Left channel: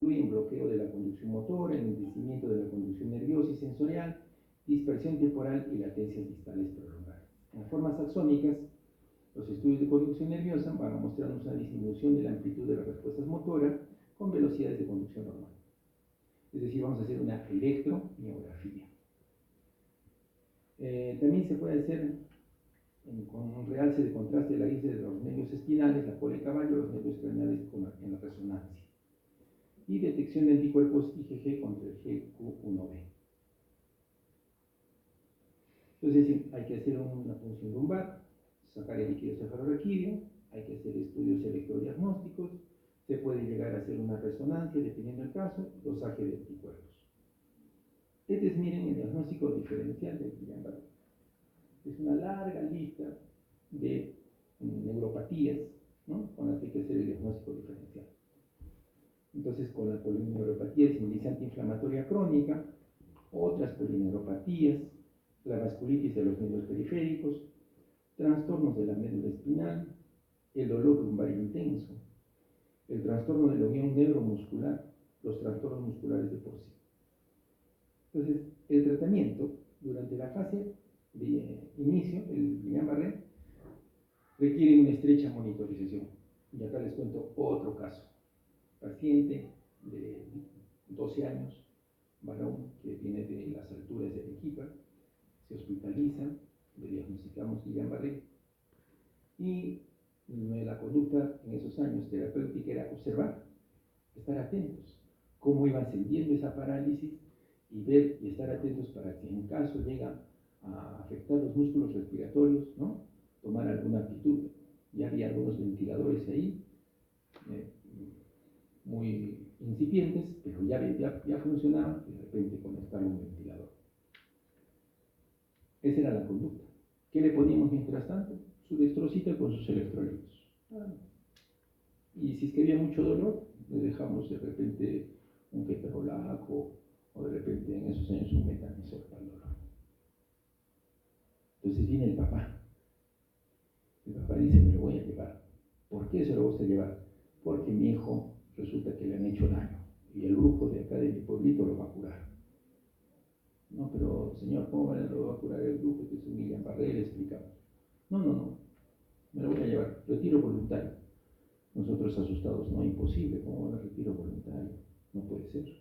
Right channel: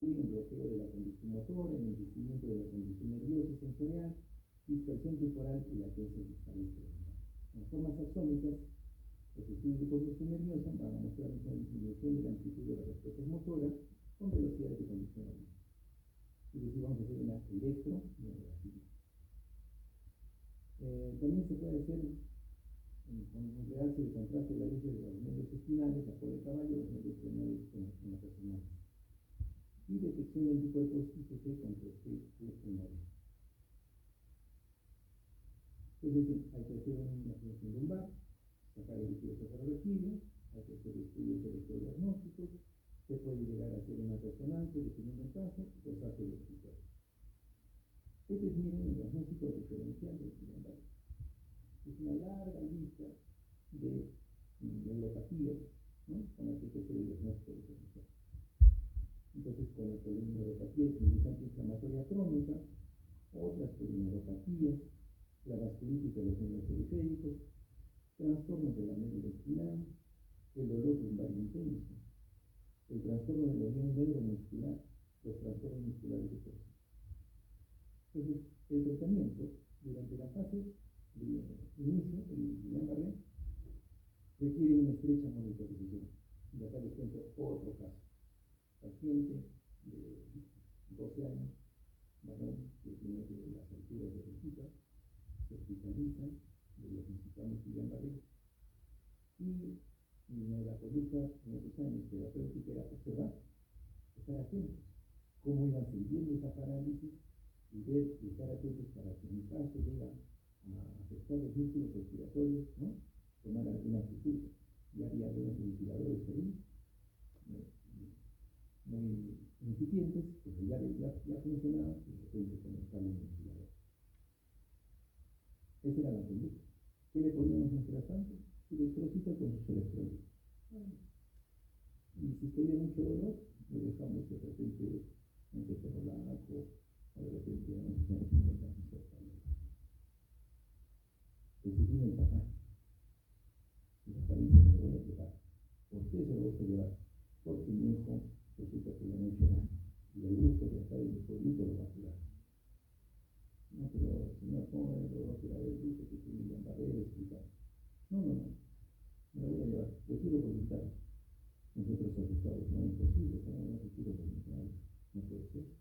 incluyen bloqueo de la conducción motora, enlentecimiento de la conducción nerviosa y sensorial, dispersión temporal y latencias distales prolongadas. En las formas axónicas, los estudios de conducción nerviosa van a mostrarnos una disminución de la amplitud de las respuestas motoras con velocidades de conducción normal. Es decir, vamos a hacer una electromiografía. También se puede hacer con un realce de contraste de la íris de los nervios espinales, la cola de caballo, los nervios craneales en la resonancia. Y detección de anticuerpos IgG contra el GQ1B. Entonces, hay que hacer una punción lumbar, sacar el líquido cefalorraquídeo, hay que hacer estudios electrodiagnósticos, se puede llegar a hacer una resonancia, dependiendo del caso, dosaje de anticuerpos. Este es, miren, el diagnóstico diferencial del Guillain-Barré. Es una larga lista de neuropatías, ¿no?, con las que hay que hacer el diagnóstico diferencial. Entonces, con la polineuropatía estimulante inflamatoria crónica, otras polineuropatías, la vasculitis de los nervios periféricos, trastornos de la médula espinal, el dolor lumbar intenso, el trastorno de la unión neuromuscular, los trastornos musculares de por sí. Entonces, el tratamiento durante la fase de inicio, el Guillain-Barré, requiere una estrecha monitorización. Y acá les cuento otro caso. Paciente de 12 años, varón, que viene de las alturas de Arequipa, se hospitaliza, le diagnosticamos Guillain-Barré, y la conducta en esos años terapéutica era observar, estar atentos, cómo iba ascendiendo esa parálisis, y ver y estar atentos para que en caso llega a afectar los músculos respiratorios, ¿no?, tomar alguna actitud. Ya había algunos ventiladores ahí, muy incipientes, pero ya funcionaban, y de repente conectaron un ventilador. Esa era la conducta. ¿Qué le poníamos mientras tanto? Su destrocita con sus electrolitos. Y si es que había mucho dolor, le dejamos de repente un ketorolaco, o de repente en esos años un metanisol para el dolor. Entonces viene el papá. El papá dice: me lo voy a llevar. ¿Por qué se lo gusta llevar? Porque mi hijo resulta que le han hecho daño, y el brujo de acá de mi pueblito lo va a curar. No, pero señor, ¿cómo lo va a curar el brujo? Que es un Guillain-Barré, le explicamos. No, me lo voy a llevar, retiro voluntario. Nosotros asustados: no, imposible, ¿cómo va a retiro voluntario? No puede ser.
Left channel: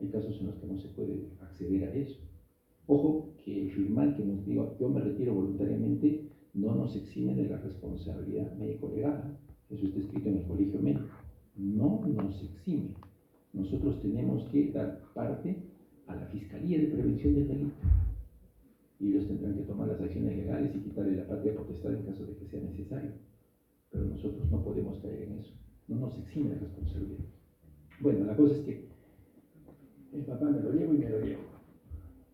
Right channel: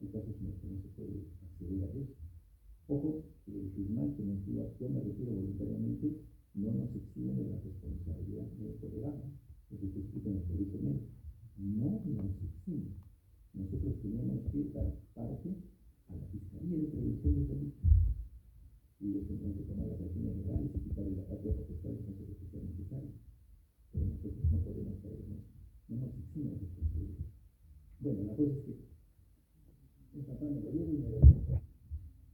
Hay casos en los que no se puede acceder a eso. Ojo, que firmar que nos diga yo me retiro voluntariamente no nos exime de la responsabilidad médico-legal. Eso está escrito en el colegio médico. No nos exime. Nosotros tenemos que dar parte a la Fiscalía de Prevención del Delito. Y ellos tendrán que tomar las acciones legales y quitarle la patria potestad en caso de que sea necesario. Pero nosotros no podemos caer en eso. No nos exime de responsabilidad. Bueno, la cosa es que el papá me lo llevo y me lo llevo.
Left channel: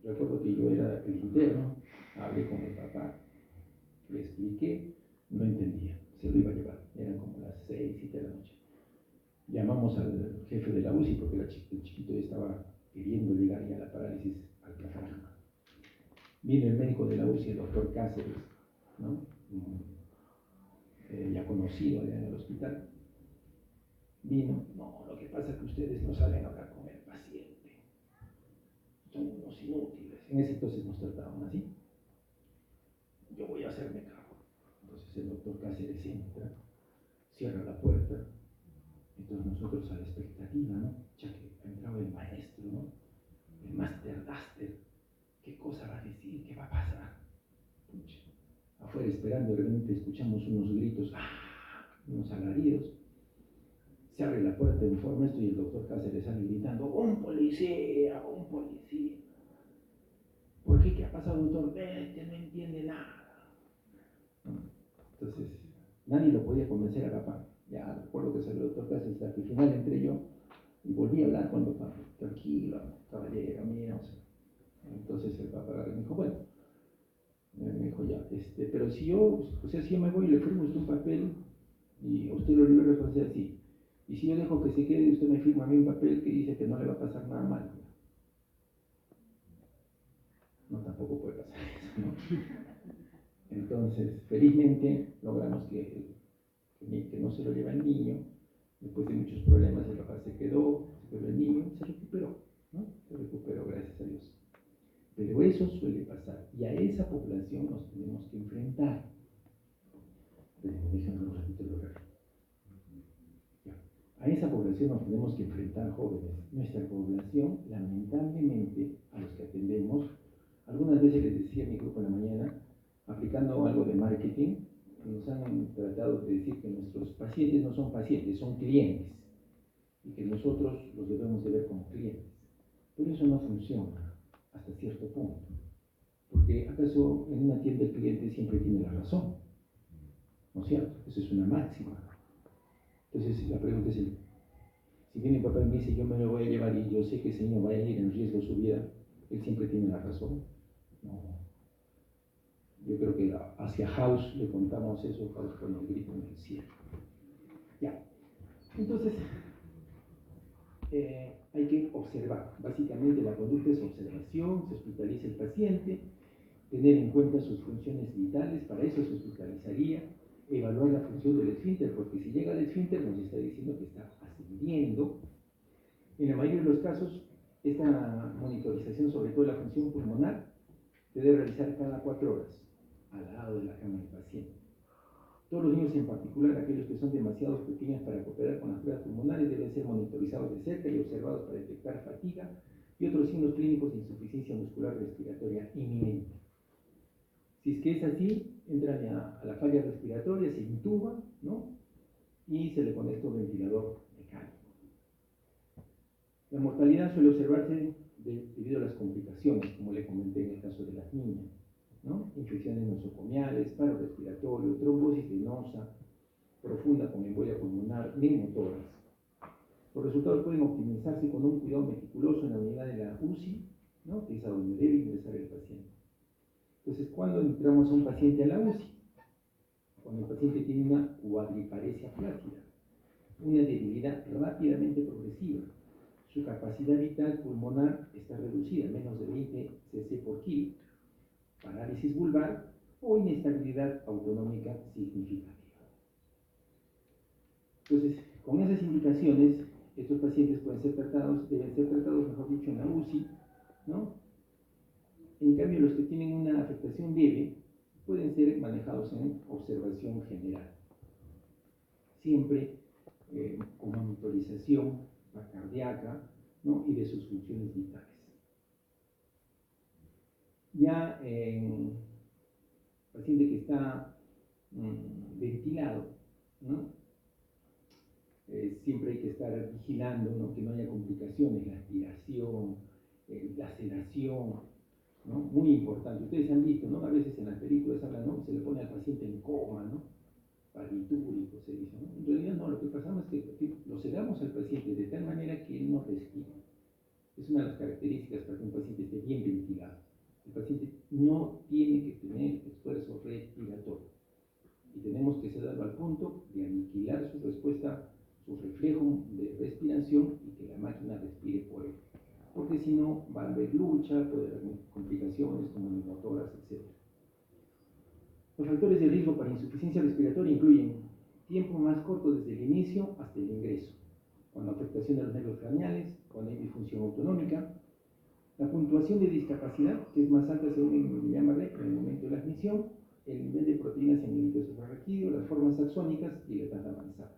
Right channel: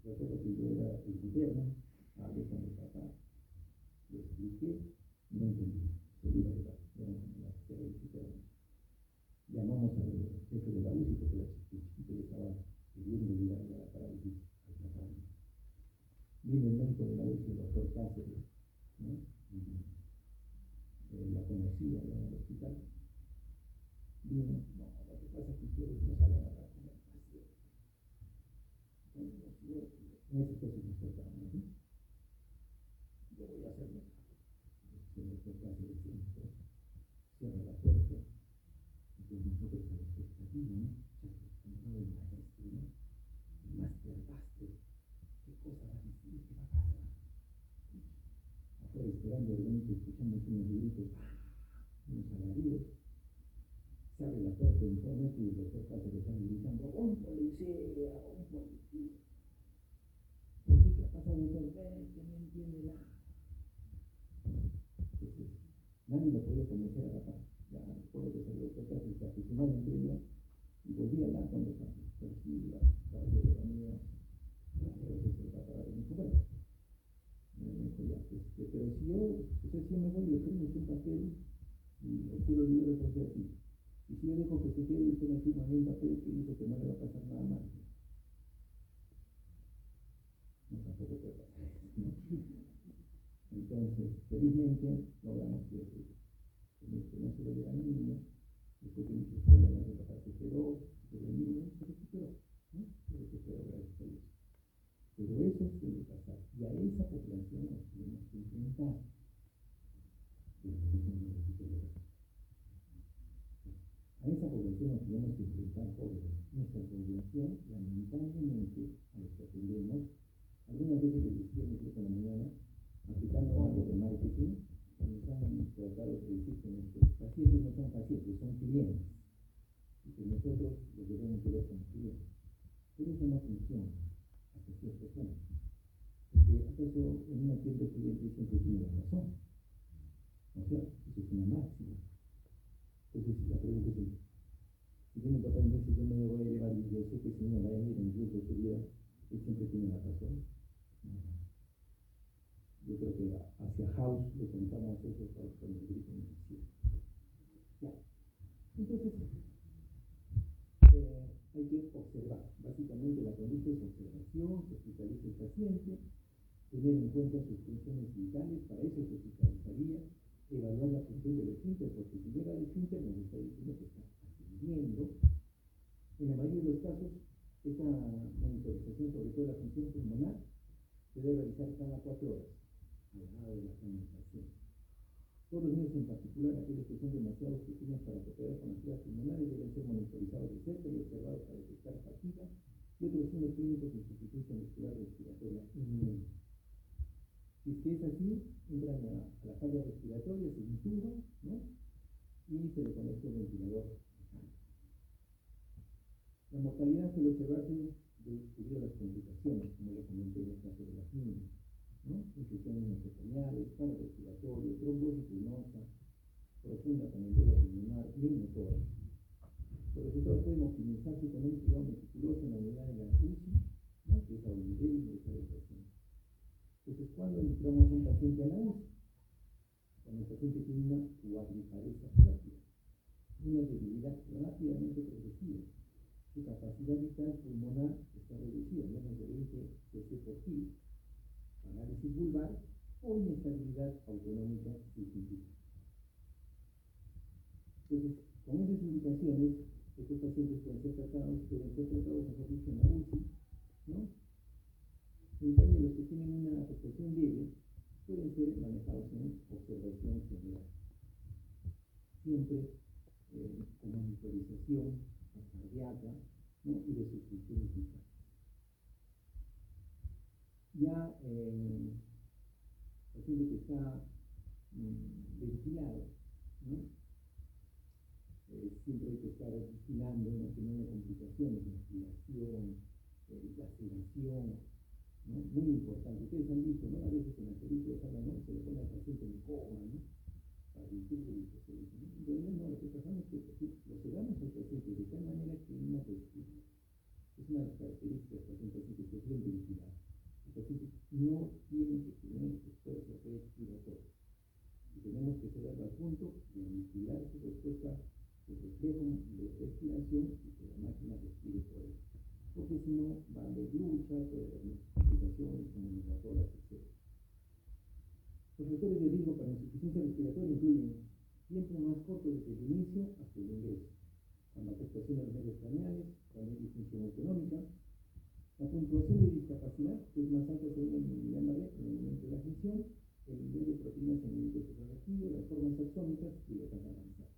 Recuerdo que yo era el interno, hablé con el papá, le expliqué, no entendía, se lo iba a llevar. Eran como las 6, 7 de la noche. Llamamos al jefe de la UCI porque el chiquito ya estaba queriendo llegar ya a la parálisis al diafragma. Viene el médico de la UCI, el doctor Cáceres, ¿no?, ya conocido allá en el hospital. Vino: no, lo que pasa es que ustedes no saben hablar con el paciente, son unos inútiles. En ese entonces nos trataban así. Yo voy a hacerme cargo. Entonces el doctor Cáceres entra, cierra la puerta. Entonces nosotros a la expectativa, ¿no?, ya que ha entrado el maestro, ¿no?, el Master Duster, ¿qué cosa va a decir? ¿Qué va a pasar? Pucha. Afuera esperando, de repente escuchamos unos gritos, unos alaridos. Se abre la puerta en forma esto y el doctor Cáceres sale gritando: ¡un policía! ¡Un policía! ¿Por qué? ¿Qué ha pasado, doctor? Vete, no entiende nada. Entonces, nadie lo podía convencer a papá. Ya recuerdo que salió el doctor Cáceres, hasta que al final entré yo y volví a hablar con el papá. Tranquilo, caballero, mira. Entonces el papá me dijo: bueno, me dijo ya, pero si yo me voy y le firmo usted un papel y a usted lo libera de responsabilidad, sí. Y si yo dejo que se quede y usted me firma a mí un papel que dice que no le va a pasar nada mal. No, tampoco puede pasar eso, ¿no? Entonces, felizmente logramos que no se lo lleva el niño. Después de muchos problemas, el papá se quedó tenemos que enfrentar jóvenes. Nuestra población, lamentablemente, a los que atendemos, algunas veces les decía a mi grupo en la mañana, aplicando algo de marketing, nos han tratado de decir que nuestros pacientes no son pacientes, son clientes, y que nosotros los debemos de ver como clientes. Pero eso no funciona hasta cierto punto, porque acaso en una tienda el cliente siempre tiene la razón, ¿no es cierto? Esa es una máxima. Entonces la pregunta es, si viene mi papá y me dice yo me lo voy a llevar y yo sé que ese niño va a ir en riesgo su vida, él siempre tiene la razón. No. Yo creo que hacia House le contamos eso, House con el grito en el cielo. Ya. Entonces, hay que observar. Básicamente la conducta es observación, se hospitaliza el paciente, tener en cuenta sus funciones vitales, para eso se hospitalizaría, evaluar la función del esfínter, porque si llega al esfínter nos está diciendo que está ascendiendo. En la mayoría de los casos, esta monitorización, sobre todo la función pulmonar, se debe realizar cada 4 horas, al lado de la cama del paciente. Todos los niños, en particular aquellos que son demasiado pequeños para cooperar con las pruebas pulmonares, deben ser monitorizados de cerca y observados para detectar fatiga y otros signos clínicos de insuficiencia muscular respiratoria inminente. Si es que es así, entran a la falla respiratoria, se intuba, ¿no? Y se le conecta un ventilador mecánico. La mortalidad suele observarse debido a las complicaciones, como le comenté en el caso de las niñas, ¿no? Infecciones nosocomiales, paro respiratorio, trombosis venosa profunda con embolia pulmonar, neumotoras. Los resultados pueden optimizarse con un cuidado meticuloso en la unidad de la UCI, ¿no? Que es a donde debe ingresar el paciente. Entonces, ¿cuándo entramos a un paciente a la UCI? Cuando el paciente tiene una cuadriparesia flácida, una debilidad rápidamente progresiva, su capacidad vital pulmonar está reducida, menos de 20 cc por kilo, parálisis vulvar o inestabilidad autonómica significativa. Entonces, con esas indicaciones, estos pacientes pueden ser tratados, deben ser tratados, mejor dicho, en la UCI, ¿no? En cambio, los que tienen una afectación leve pueden ser manejados en observación general, siempre con monitorización cardíaca, ¿no? Y de sus funciones vitales. Ya en paciente que está ventilado, ¿no? Siempre hay que estar vigilando, ¿no? Que no haya complicaciones, la aspiración, la sedación, ¿no? Muy importante. Ustedes han visto, ¿no? A veces en las películas hablan, ¿no? Se le pone al paciente en coma, ¿no? Barbitúrico se dice, ¿no? En realidad no, lo que pasamos es que lo sedamos al paciente de tal manera que él no respire. Es una de las características para que un paciente esté bien ventilado. El paciente no tiene que tener esfuerzo respiratorio. Y tenemos que sedarlo al punto de aniquilar su respuesta, su reflejo de respiración y que la máquina respire por él. Porque si no, va a haber lucha, puede haber complicaciones como neumotoras, etc. Los factores de riesgo para insuficiencia respiratoria incluyen tiempo más corto desde el inicio hasta el ingreso, cuando afectación de los nervios craneales, cuando hay disfunción autonómica, la puntuación de discapacidad, que es más alta según el Guillain-Barré en el momento de la admisión, el nivel de proteínas en el líquido suprarraquídeo, las formas axónicas y la edad avanzada.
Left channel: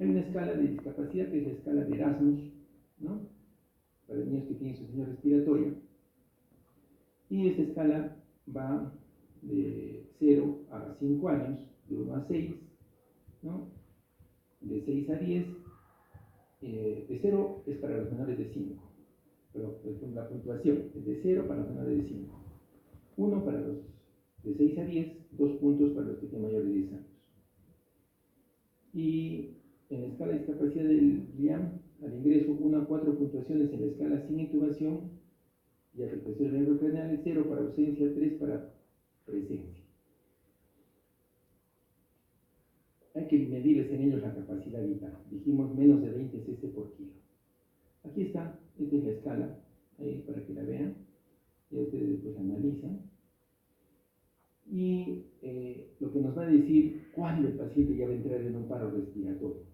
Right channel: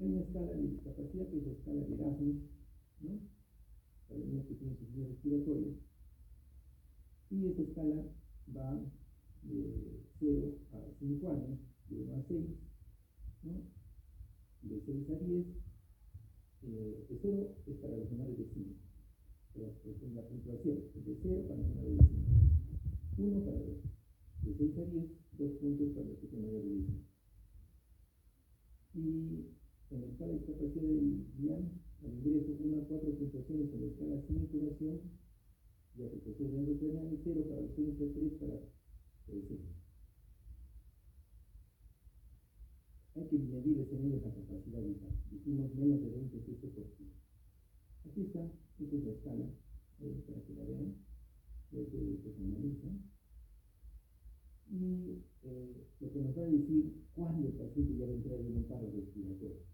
Hay una escala de discapacidad que es la escala de Erasmus, ¿no? Para niños que tienen insuficiencia respiratoria, y esta escala va de 0 a 5 años, de 1 a 6, ¿no? De 6 a 10, de 0 es para los menores de 5, pero la puntuación es de 0 para los menores de 5, 1 para los de 6 a 10, 2 puntos para los que tienen mayores de 10 años. Y en la escala de discapacidad del Guillain, al ingreso 1 a 4 puntuaciones en la escala sin intubación y afectación del nervio craneal, 0 para ausencia, 3 para presencia. Hay que medirles en ellos la capacidad vital. Dijimos menos de 20 cc por kilo. Aquí está, esta es la escala, ahí para que la vean. Ya ustedes después la analizan. Y lo que nos va a decir cuándo el paciente ya va a entrar en un paro respiratorio.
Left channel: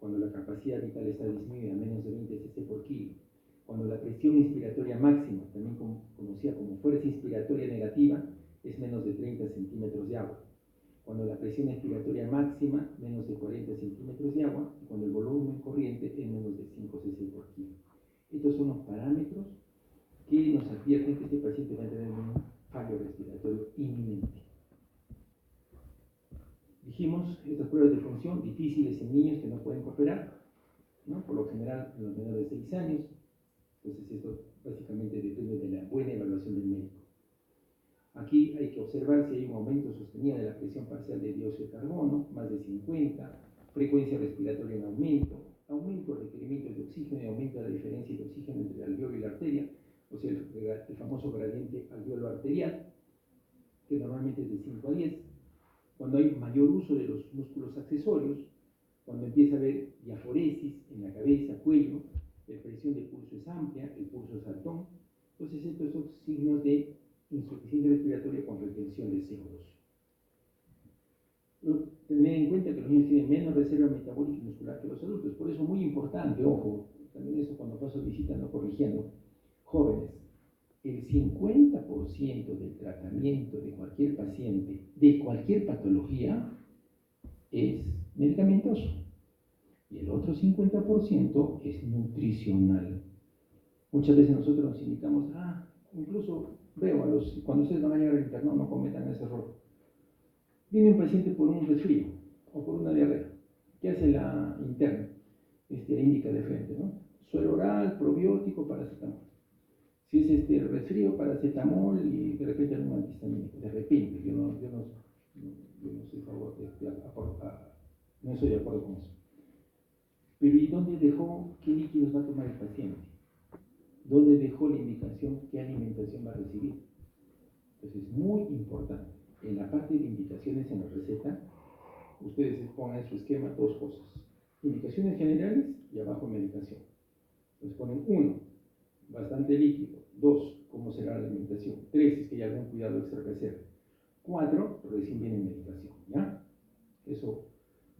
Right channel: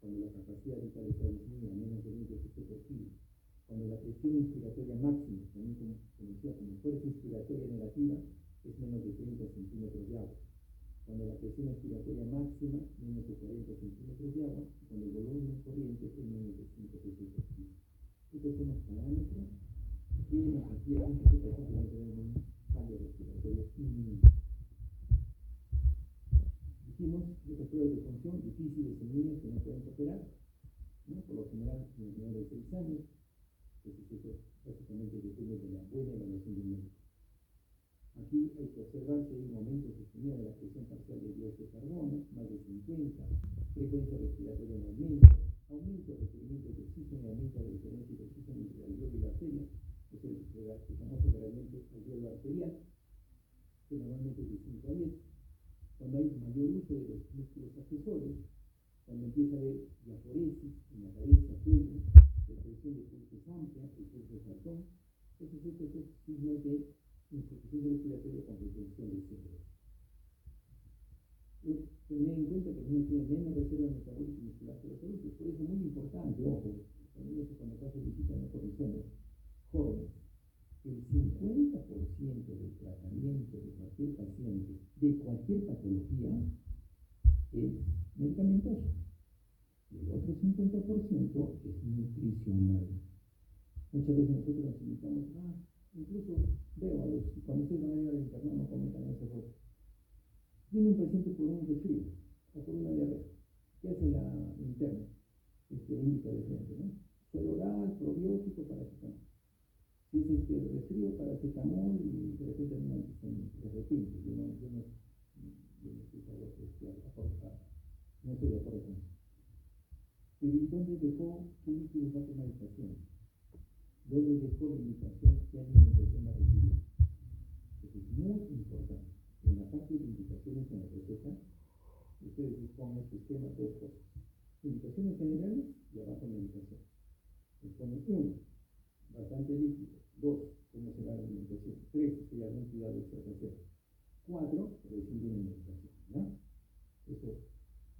Cuando la capacidad vital está disminuida a menos de 20 cc por kilo. Cuando la presión inspiratoria máxima, también conocida como fuerza inspiratoria negativa, es menos de 30 centímetros de agua. cuando la presión expiratoria máxima menos de 40 centímetros de agua y cuando el volumen corriente es menos de 5 cc por kilo. Estos son los parámetros que nos advierten que este paciente va a tener un fallo respiratorio inminente. Dijimos, estas pruebas de función difíciles en niños que no pueden cooperar, ¿no? Por lo general en los menores de 6 años. Entonces esto básicamente depende de la buena evaluación del médico. Aquí hay que observar si hay un aumento sostenido de la presión parcial de dióxido de carbono, más de 50, frecuencia respiratoria en aumento del requerimiento de oxígeno y aumento de la diferencia de oxígeno entre el alveolo y la arteria, o sea, el famoso gradiente alveolo-arterial, que normalmente es de 5 a 10. Cuando hay mayor uso de los músculos accesorios, cuando empieza a haber diaforesis en la cabeza, cuello, la presión del pulso es amplia, el pulso es saltón. Entonces estos son signos de insuficiencia respiratoria con retención de CO2. Tener en cuenta que los niños tienen menos reserva metabólica y muscular que los adultos, por eso muy importante, ojo, también eso cuando paso visita no corrigiendo, jóvenes, el 50% del tratamiento de cualquier paciente, de cualquier patología, es medicamentoso y el otro 50% es nutricional. Muchas veces nosotros nos indicamos, incluso veo cuando ustedes van a llegar al internado, no cometan ese error. Viene un paciente por un resfrío o por una diarrea. ¿Qué hace la interna? Le indica de frente, ¿no? Suero oral, probiótico, paracetamol. Si es resfrío, paracetamol y de repente algún antihistamínico. De repente, yo no estoy no estoy de acuerdo con eso. Pero ¿y dónde dejó qué líquidos va a tomar el paciente? ¿Dónde dejó la indicación qué alimentación va a recibir? Entonces es muy importante. En la parte de indicaciones en la receta, ustedes ponen en su esquema dos cosas. Indicaciones generales y abajo medicación. Entonces ponen 1, bastante líquido. 2, cómo será la alimentación. 3, es que hay algún cuidado extra que hacer. 4, recién viene medicación. ¿Ya? Eso,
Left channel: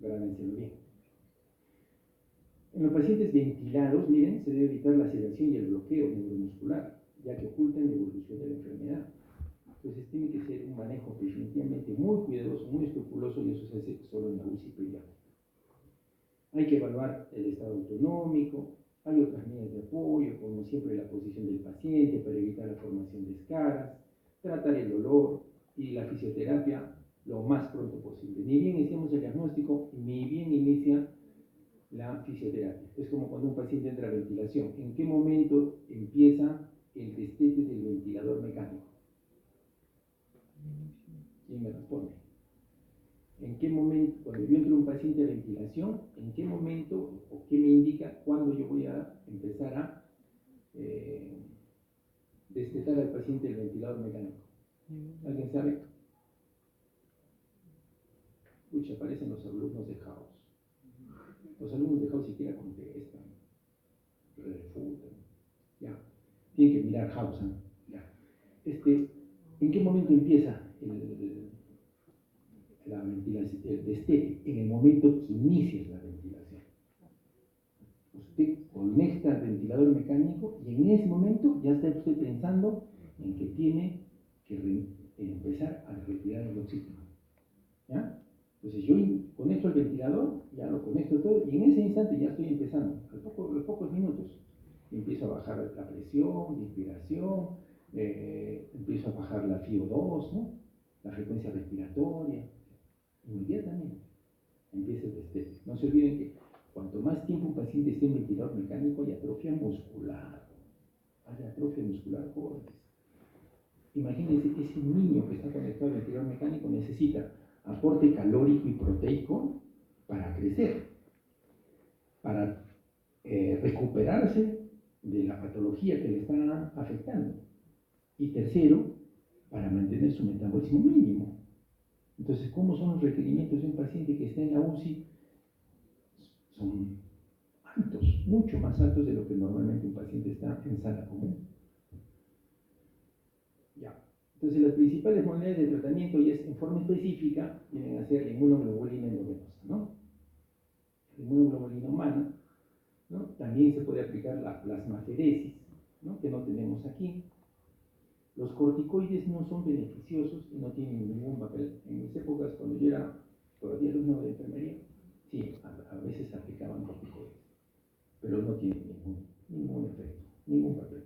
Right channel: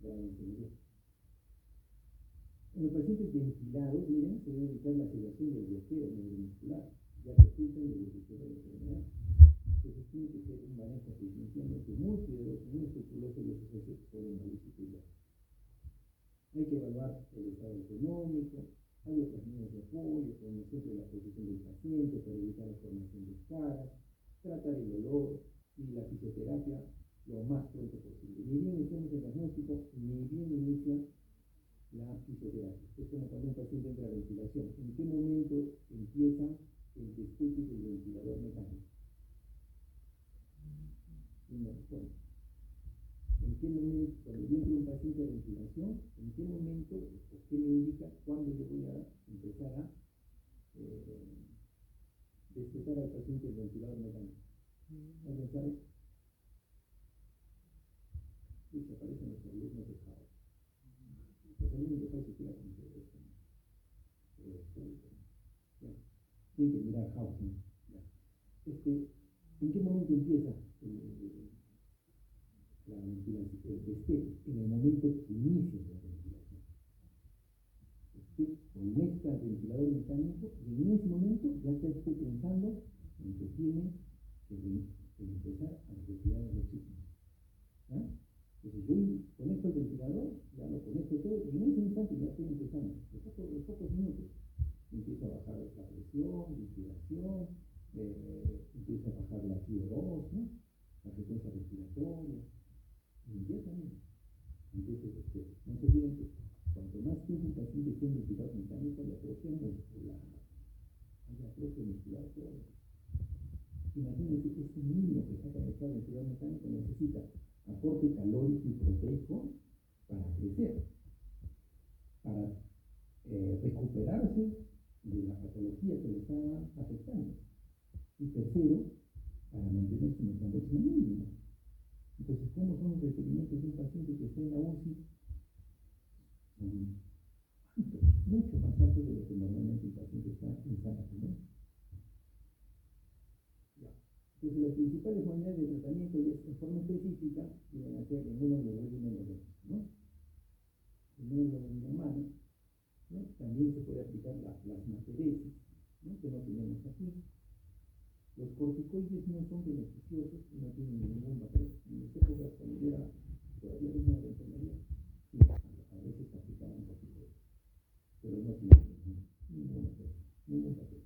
grábenselo bien. En los pacientes ventilados, miren, se debe evitar la sedación y el bloqueo neuromuscular, ya que ocultan la evolución de la enfermedad. Entonces tiene que ser un manejo definitivamente muy cuidadoso, muy escrupuloso, y eso se hace solo en la UCI pediátrica. Hay que evaluar el estado autonómico, hay otras líneas de apoyo, como siempre la posición del paciente para evitar la formación de escaras, tratar el dolor y la fisioterapia lo más pronto posible. Ni bien iniciamos el diagnóstico, ni bien inicia la fisioterapia. Es como cuando un paciente entra a ventilación. ¿En qué momento empieza el destete del ventilador mecánico? ¿Quién me responde? ¿En qué momento, cuando yo entro un paciente a ventilación, en qué momento o qué me indica cuándo yo voy a empezar a destetar al paciente del ventilador mecánico? ¿Alguien sabe? Pucha, aparecen los alumnos de House. Los alumnos de House siquiera contestan, refutan. Ya, tienen que mirar House. Ya. ¿En qué momento empieza el destete? En el momento que inicies la ventilación. Usted conecta al ventilador mecánico y en ese momento ya está usted pensando en que tiene que empezar a retirar el oxígeno. ¿Ya? Entonces yo conecto el ventilador, ya lo conecto todo y en ese instante ya estoy empezando, a los pocos minutos, empiezo a bajar la presión, la inspiración, empiezo a bajar la FiO2, ¿no? La frecuencia respiratoria, inmediatamente empieza el destete. No se olviden que cuanto más tiempo un paciente esté en ventilador mecánico hay atrofia muscular, jóvenes. Imagínense que ese niño que está conectado al ventilador mecánico necesita aporte calórico y proteico para crecer, para recuperarse de la patología que le está afectando. Y tercero, para mantener su metabolismo mínimo. Entonces, ¿cómo son los requerimientos de un paciente que está en la UCI? Son altos, mucho más altos de lo que normalmente un paciente está en sala común. Ya. Entonces, las principales modalidades de tratamiento, y es en forma específica, vienen a ser la inmunoglobulina endovenosa, ¿no? La inmunoglobulina humana, ¿no? También se puede aplicar la plasmaferesis, ¿no? Que no tenemos aquí. Los corticoides no son beneficiosos y no tienen ningún papel. En mis épocas, cuando yo era todavía alumno de enfermería, sí, a veces aplicaban corticoides, pero no tienen ningún efecto, ningún papel.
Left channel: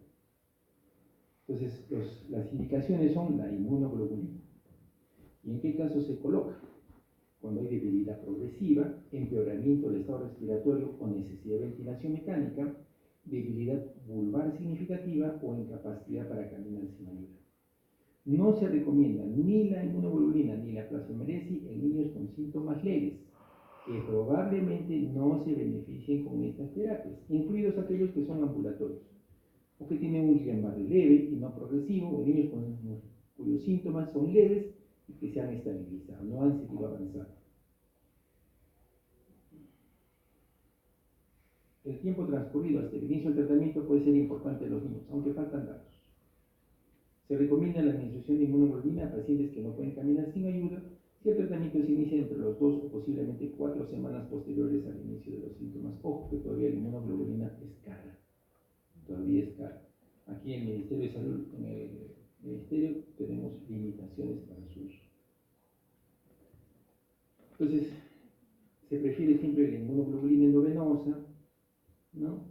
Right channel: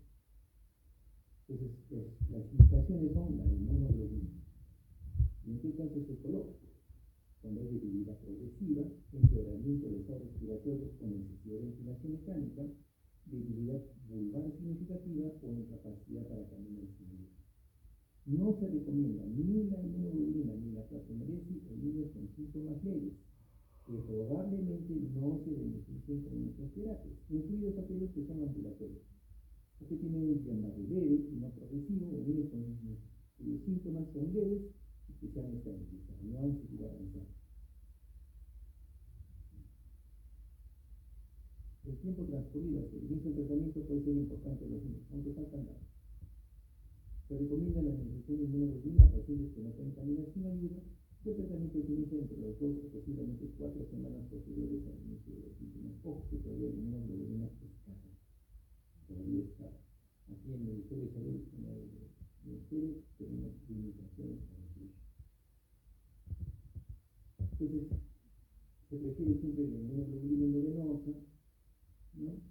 Entonces, las indicaciones son la inmunoglobulina. ¿Y en qué caso se coloca? Cuando hay debilidad progresiva, empeoramiento del estado respiratorio o necesidad de ventilación mecánica, debilidad vulvar significativa o incapacidad para caminar sin ayuda. No se recomienda ni la inmunoglobulina ni la plasmameresi en niños con síntomas leves, que probablemente no se beneficien con estas terapias, incluidos aquellos que son ambulatorios, o que tienen un Guillain-Barré leve y no progresivo, o niños cuyos síntomas son leves y que se han estabilizado, no han seguido avanzando. El tiempo transcurrido hasta el inicio del tratamiento puede ser importante en los niños, aunque faltan datos. Se recomienda la administración de inmunoglobulina a pacientes que no pueden caminar sin ayuda si el tratamiento se inicia entre los 2 o posiblemente 4 semanas posteriores al inicio de los síntomas. Ojo que todavía la inmunoglobulina es cara, todavía es cara. Aquí en el Ministerio de Salud, en el Ministerio, tenemos limitaciones para su uso. Entonces, se prefiere siempre la inmunoglobulina endovenosa, ¿no?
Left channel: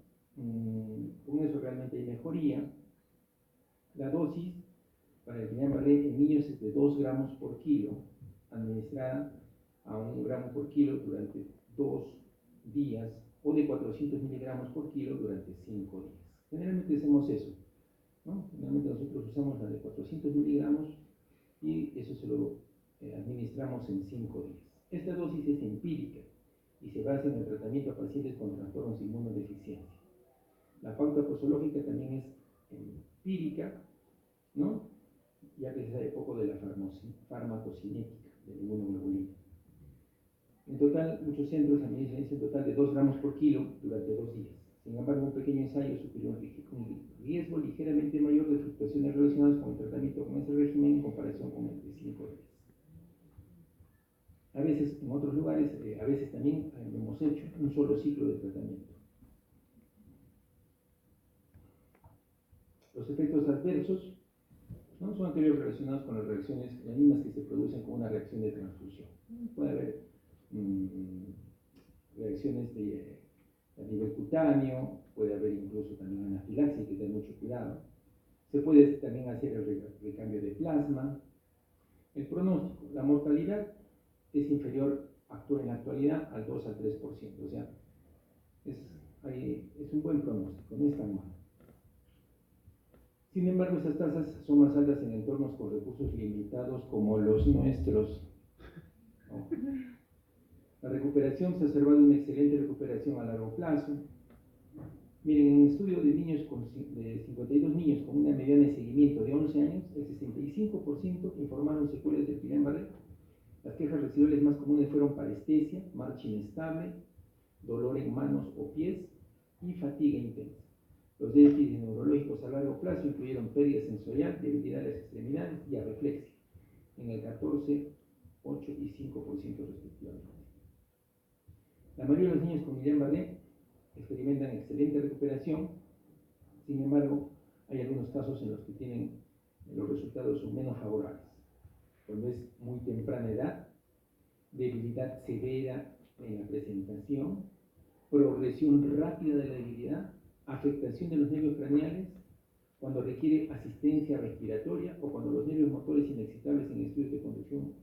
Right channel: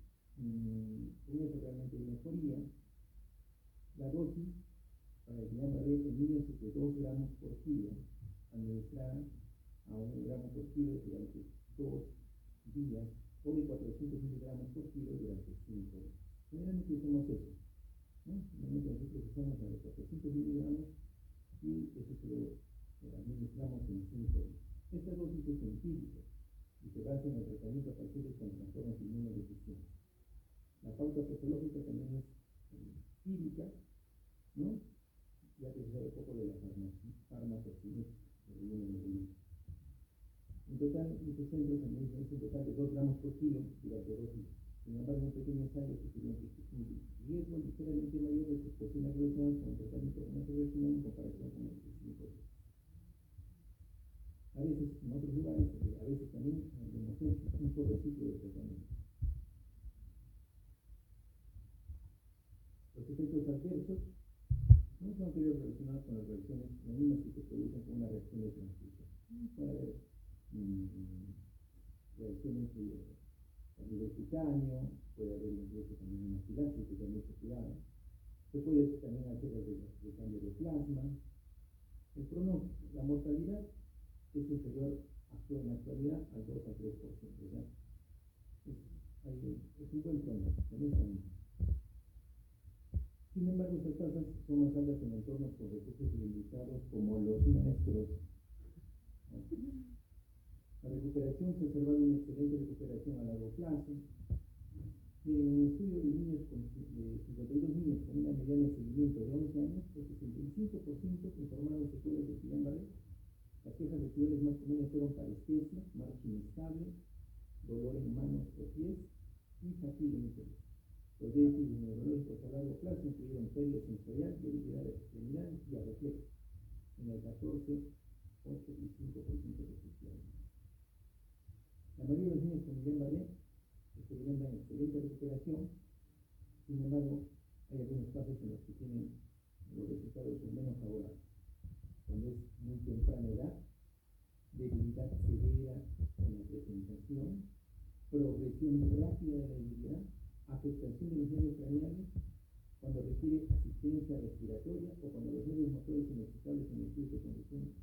Con eso realmente hay mejoría. La dosis para el Guillain-Barré en niños es de 2 gramos por kilo, administrada a 1 gramo por kilo durante 2 días, o de 400 miligramos por kilo durante 5 días. Generalmente hacemos eso, ¿no? Generalmente nosotros usamos la de 400 miligramos y eso se lo administramos en 5 días. Esta dosis es empírica y se basa en el tratamiento a pacientes con trastornos de inmunodeficiencia. La pauta posológica también es empírica, ¿no? Ya que se sabe poco de la farmacocinética de la inmunoglobulina. En total, muchos centros administran un total de 2 gramos por kilo durante 2 días. Sin embargo, un pequeño ensayo sugiere un riesgo ligeramente mayor de fluctuaciones relacionadas con el tratamiento con ese régimen en comparación con el de 5 días. A veces, en otros lugares, a veces también hemos hecho un solo ciclo de tratamiento. Los efectos adversos, ¿no? Son aquellos relacionados con las reacciones, las mismas que se producen con una reacción de transfusión. Puede haber reacciones a nivel cutáneo, puede haber incluso también anafilaxia, hay que tener mucho cuidado. Se puede también hacer el recambio de plasma. El pronóstico, la mortalidad es inferior en la actualidad al 2 al 3%, o sea, es un buen pronóstico, no es tan malo. Sin embargo, estas tasas son más altas en entornos con recursos limitados como los nuestros. ¿No? La recuperación se ha observado una excelente recuperación a largo plazo. Miren, en un estudio de niños de 52 niños con una mediana de seguimiento de 11 años, el 65% informaron secuelas de Guillain-Barré. Las quejas residuales más comunes fueron parestesia, marcha inestable, dolor en manos o pies y fatiga intensa. Los déficits neurológicos a largo plazo incluyeron pérdida sensorial, debilidad de las extremidades y areflexia, en el 14, 8 y 5% respectivamente. La mayoría de los niños con Guillain-Barré experimentan excelente recuperación. Sin embargo, hay algunos casos en los que los resultados son menos favorables. Cuando es muy temprana edad, debilidad severa en la presentación, progresión rápida de la debilidad, afectación de los nervios craneales, cuando requiere asistencia respiratoria o cuando los nervios motores inexcitables en estudios de conducción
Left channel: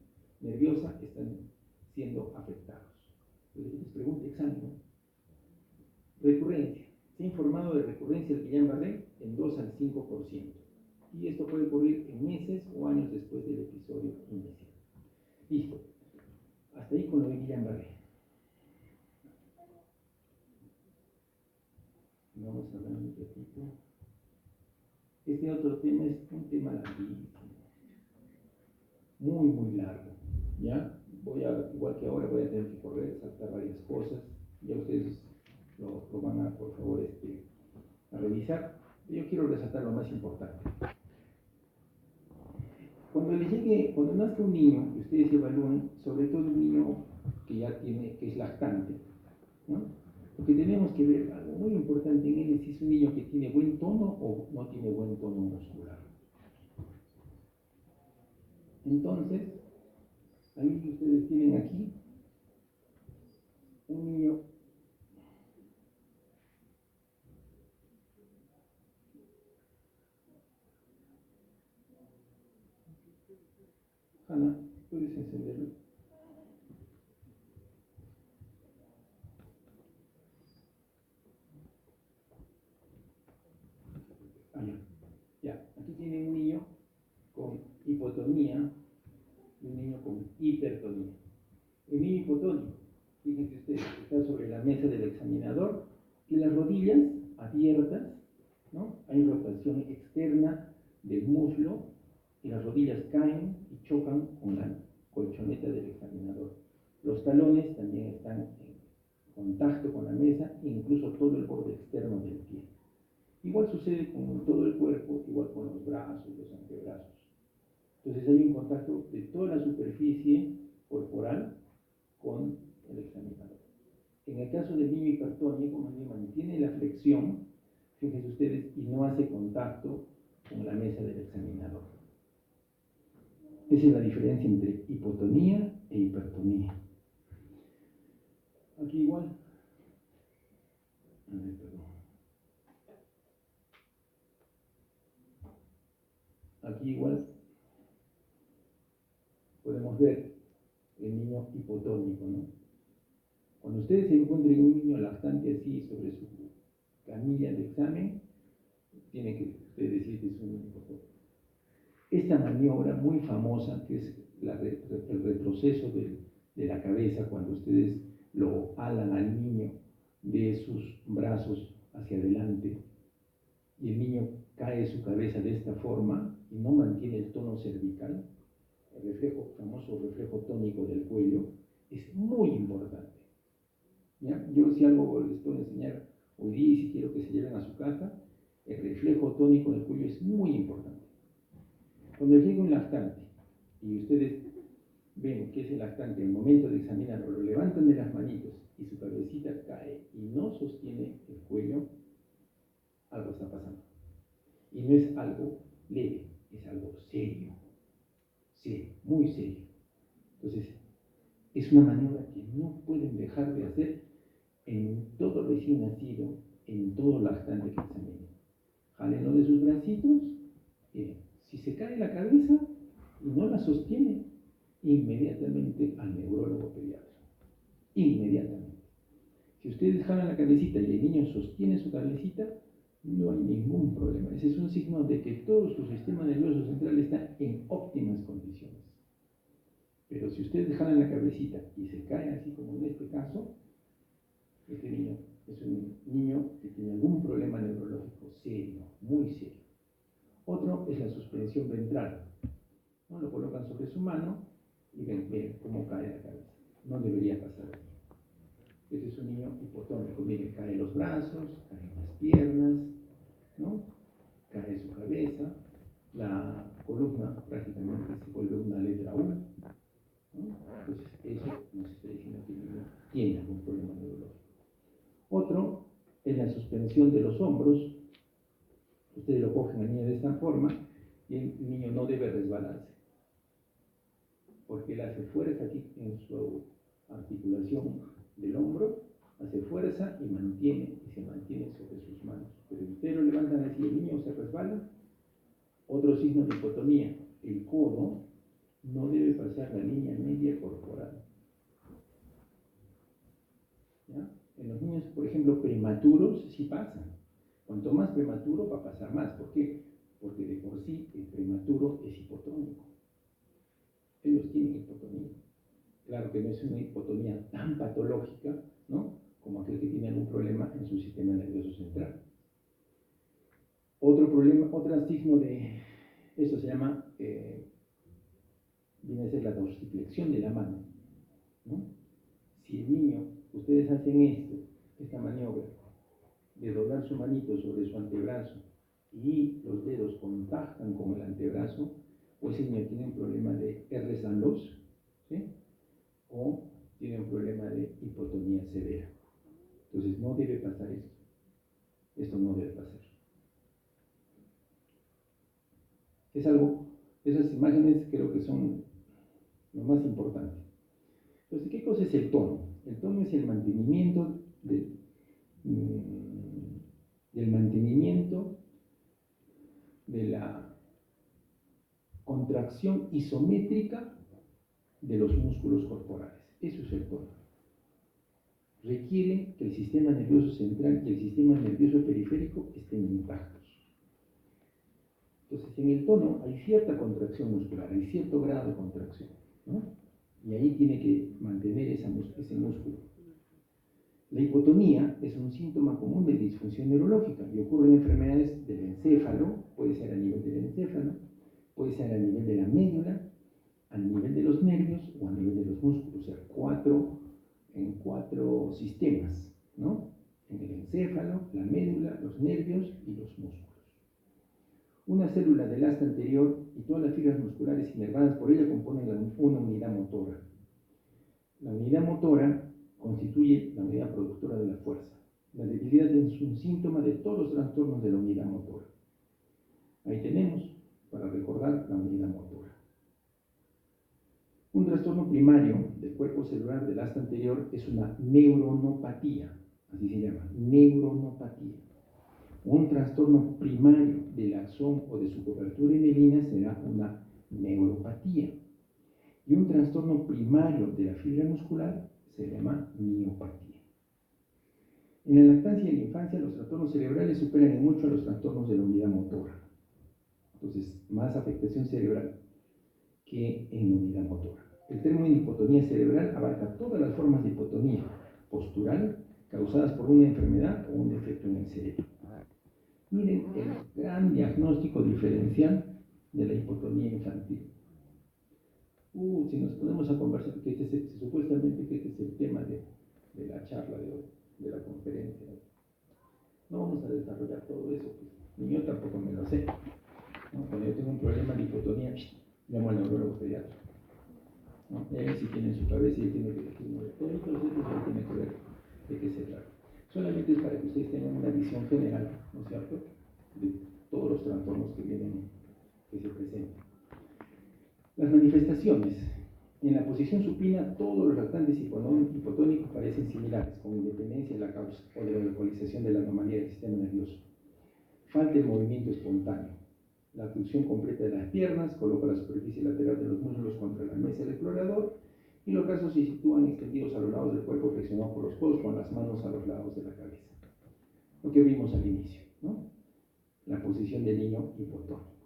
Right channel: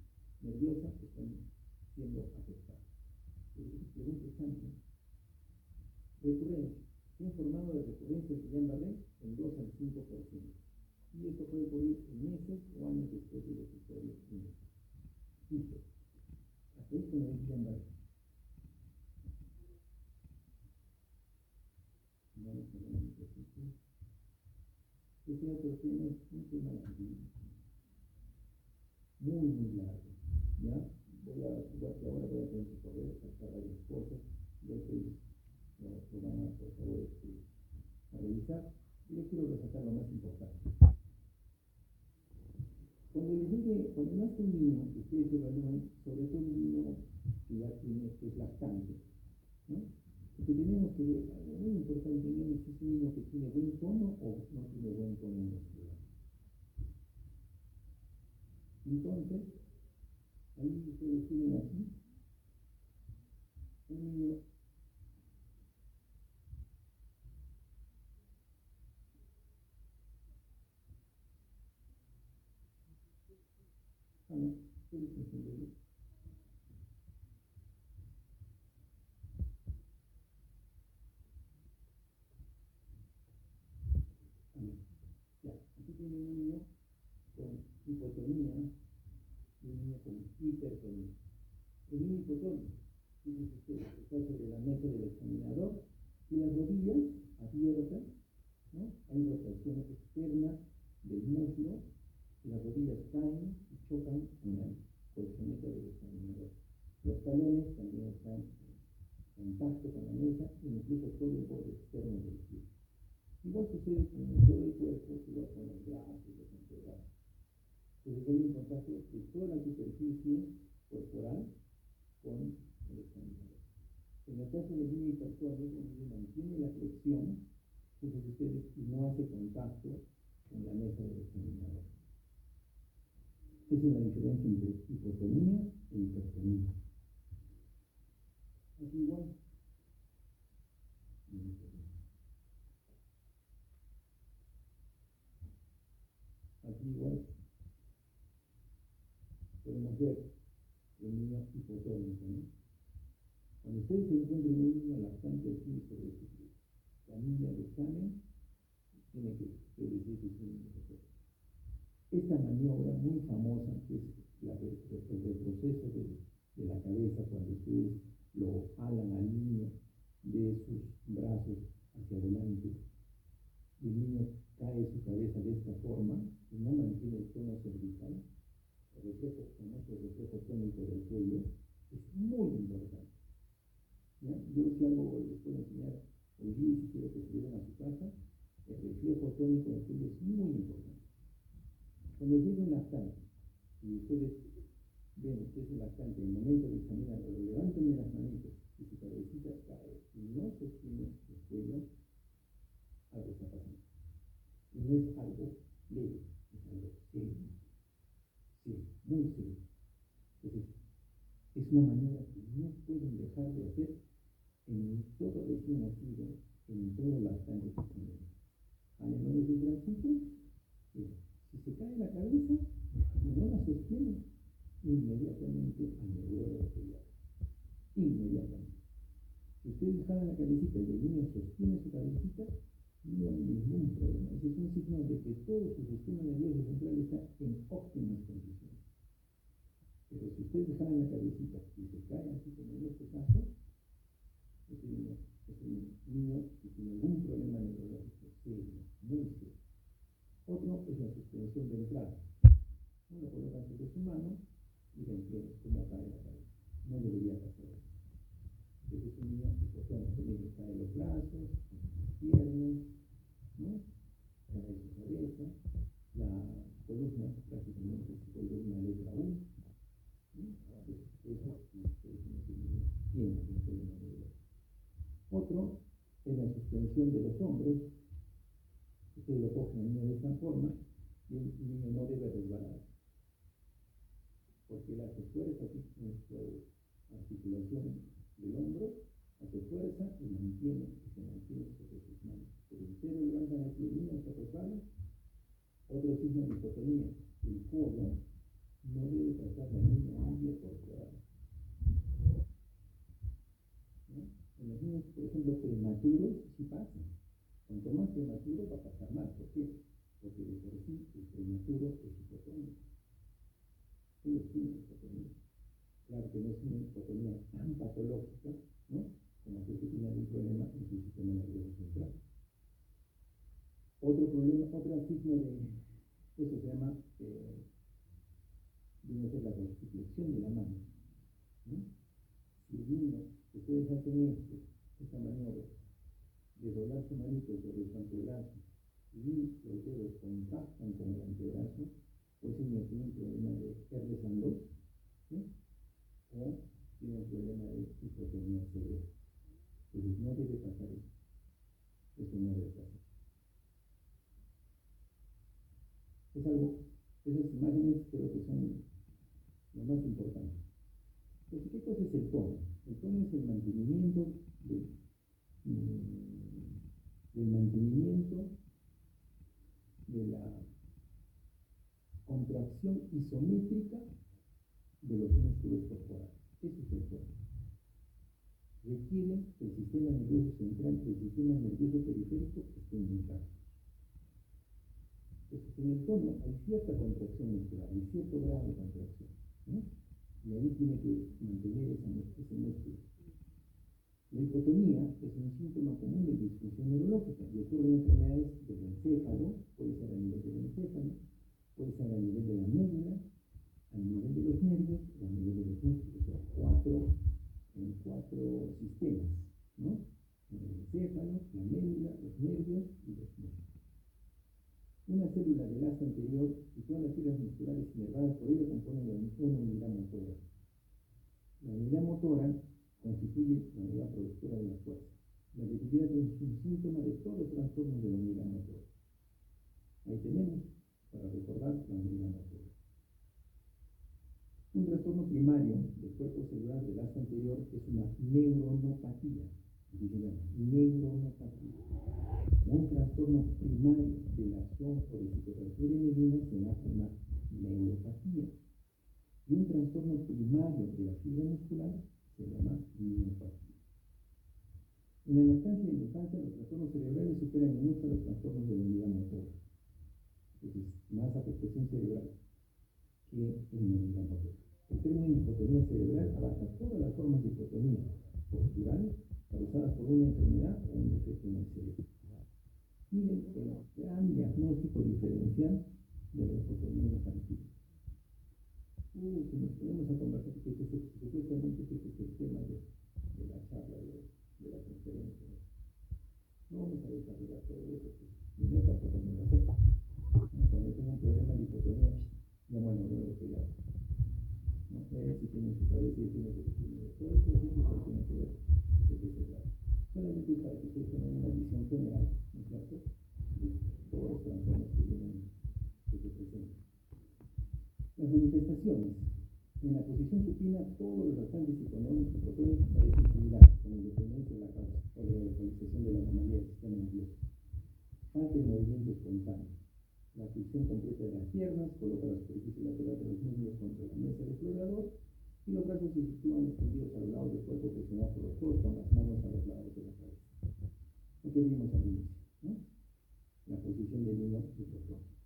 nerviosa están siendo afectados. Entonces, les pregunta examen, ¿no? Recurrencia. Se ha informado de recurrencia del Guillain-Barré en 2 al 5%. Y esto puede ocurrir en meses o años después del episodio inicial. Listo. Hasta ahí con lo de Guillain-Barré. Vamos a hablar un poquito. Este otro tema es un tema larguísimo. Muy largo. ¿Ya? Igual que ahora, voy a tener que correr, saltar varias cosas. Ya ustedes lo van a, por favor, a revisar. Yo quiero resaltar lo más importante. Cuando nazca un niño, que ustedes evalúen, sobre todo un niño que es lactante, ¿no? Porque tenemos que ver algo muy importante en él, si es un niño que tiene buen tono o no tiene buen tono muscular. Entonces, ahí ustedes tienen aquí un niño Ana, ¿puedes encenderlo? Ah, ya. Aquí tienen un niño con hipotonía y un niño con hipertonía. El niño hipotónico, fíjense ustedes, está sobre la mesa del examinador y las rodillas abiertas, ¿no? Hay rotación externa del muslo y las rodillas caen y chocan con la colchoneta del examinador. Los talones también están en contacto con la mesa e incluso todo el borde externo del pie. Igual sucede con todo el cuerpo, igual con los brazos, los antebrazos. Entonces hay un contacto de toda la superficie corporal con el examinador. En el caso del niño hipertónico, mantiene la flexión, fíjense ustedes, y no hace contacto con la mesa del examinador. Esa es la diferencia entre hipotonía e hipertonía. Aquí igual. Aquí igual podemos ver el niño hipotónico, ¿no? Cuando ustedes encuentren un niño lactante así sobre su camilla de examen, tiene que ustedes decir que es un niño hipotónico. Esta maniobra muy famosa, que es el retroceso de la cabeza, cuando ustedes lo alan al niño de sus brazos hacia adelante y el niño cae su cabeza de esta forma y no mantiene el tono cervical, el famoso reflejo tónico del cuello, es muy importante. ¿Ya? Yo si algo les puedo enseñar hoy día y si quiero que se lleven a su casa, el reflejo tónico del cuello es muy importante. Cuando llega un lactante y ustedes ven que ese lactante en el momento de examinarlo lo levantan de las manitos y su cabecita cae y no sostiene el cuello, algo está pasando. Y no es algo leve, es algo serio, muy serio. Entonces, es una maniobra que no pueden dejar de hacer en todo recién nacido, en todo lactante que examinen. Jálenlo de sus bracitos, si se cae la cabeza y no la sostiene, inmediatamente al neurólogo pediatra. Inmediatamente. Si ustedes jalan la cabecita y el niño sostiene su cabecita, no hay ningún problema. Ese es un signo de que todo su sistema nervioso central está en óptimas condiciones. Pero si ustedes jalan la cabecita y se cae así como en este caso, este niño es un niño que tiene algún problema neurológico serio, muy serio. Otro es la suspensión ventral, ¿no? Lo colocan sobre su mano y ven cómo cae la cabeza. No debería pasar así. Este es un niño hipotónico. Miren, caen los brazos, caen las piernas, ¿no? Cae su cabeza, la columna prácticamente se vuelve una letra U, ¿no? Entonces eso nos está diciendo que el niño tiene algún problema neurológico. Otro es la suspensión de los hombros. Ustedes lo cogen al niño de esta forma y el niño no debe resbalarse, porque él hace fuerza aquí en su articulación del hombro, hace fuerza y se mantiene sobre sus manos. Pero si ustedes lo levantan así y el niño se resbala, otro signo de hipotonía, el codo no debe pasar la línea media corporal. ¿Ya? En los niños, por ejemplo, prematuros, sí pasan. Cuanto más prematuro va a pasar más. ¿Por qué? Porque de por sí el prematuro es hipotónico. Ellos tienen hipotonía. Claro que no es una hipotonía tan patológica, ¿no?, como aquel que tiene algún problema en su sistema nervioso central. Otro signo de esto se llama, viene a ser la dorsiflexión de la mano, ¿no? Si el niño, ustedes hacen esta maniobra de doblar su manito sobre su antebrazo y los dedos contactan con el antebrazo, pues el niño tiene un problema de Ehlers-Danlos, ¿sí?, o tiene un problema de hipotonía severa. Entonces no debe pasar esto. Esto no debe pasar. Es algo Esas imágenes creo que son lo más importante. Entonces, ¿qué cosa es el tono? El tono es el mantenimiento del mantenimiento de la contracción isométrica de los músculos corporales. Eso es el tono. Requiere que el sistema nervioso central y el sistema nervioso periférico estén intactos. Entonces, en el tono hay cierta contracción muscular, hay cierto grado de contracción, ¿no? Y ahí tiene que mantener ese músculo. La hipotonía es un síntoma común de disfunción neurológica y ocurre en enfermedades del encéfalo, puede ser a nivel del encéfalo, puede ser a nivel de la médula, a nivel de los nervios o a nivel de los músculos, o sea, en cuatro sistemas, ¿no? En el encéfalo, la médula, los nervios y los músculos. Una célula del asta anterior y todas las fibras musculares inervadas por ella componen una unidad motora. La unidad motora constituye la unidad productora de la fuerza. La debilidad es un síntoma de todos los trastornos de la unidad motora. Ahí tenemos, para recordar, la unidad motora. Un trastorno primario del cuerpo celular del asta anterior es una neuronopatía, así se llama, neuronopatía. Un trastorno primario del axón o de su cobertura en mielina será una neuropatía. Y un trastorno primario de la fibra muscular se llama miopatía. En la lactancia y la infancia, los trastornos cerebrales superan en mucho a los trastornos de la unidad motora. Entonces, más afectación cerebral que en la unidad motora. El término hipotonía cerebral abarca todas las formas de hipotonía postural causadas por una enfermedad o un defecto en el cerebro. Miren el gran diagnóstico diferencial de la hipotonía infantil. Si nos ponemos a conversar, que supuestamente que este es el tema de la charla de hoy, de la conferencia. No vamos a desarrollar todo eso, pues, ni yo tampoco me lo sé. ¿No? Cuando yo tengo un problema de hipotonía, llamo al neurólogo pediatra. ¿No? Él sí tiene en su cabeza y tiene que decirme, todo esto tiene que ver de qué se trata. Solamente es para que ustedes tengan una visión general, ¿no es cierto?, de todos los trastornos que se presentan. Las manifestaciones. En la posición supina, todos los lactantes hipotónicos parecen similares, con independencia de la causa o de la localización de la anomalía del sistema nervioso. Falta el movimiento espontáneo. La abducción completa de las piernas, coloca la superficie lateral de los muslos contra la mesa del explorador y los brazos se sitúan extendidos a los lados del cuerpo flexionados por los codos con las manos a los lados de la cabeza. Lo que vimos al inicio, ¿no? La posición del niño hipotónico.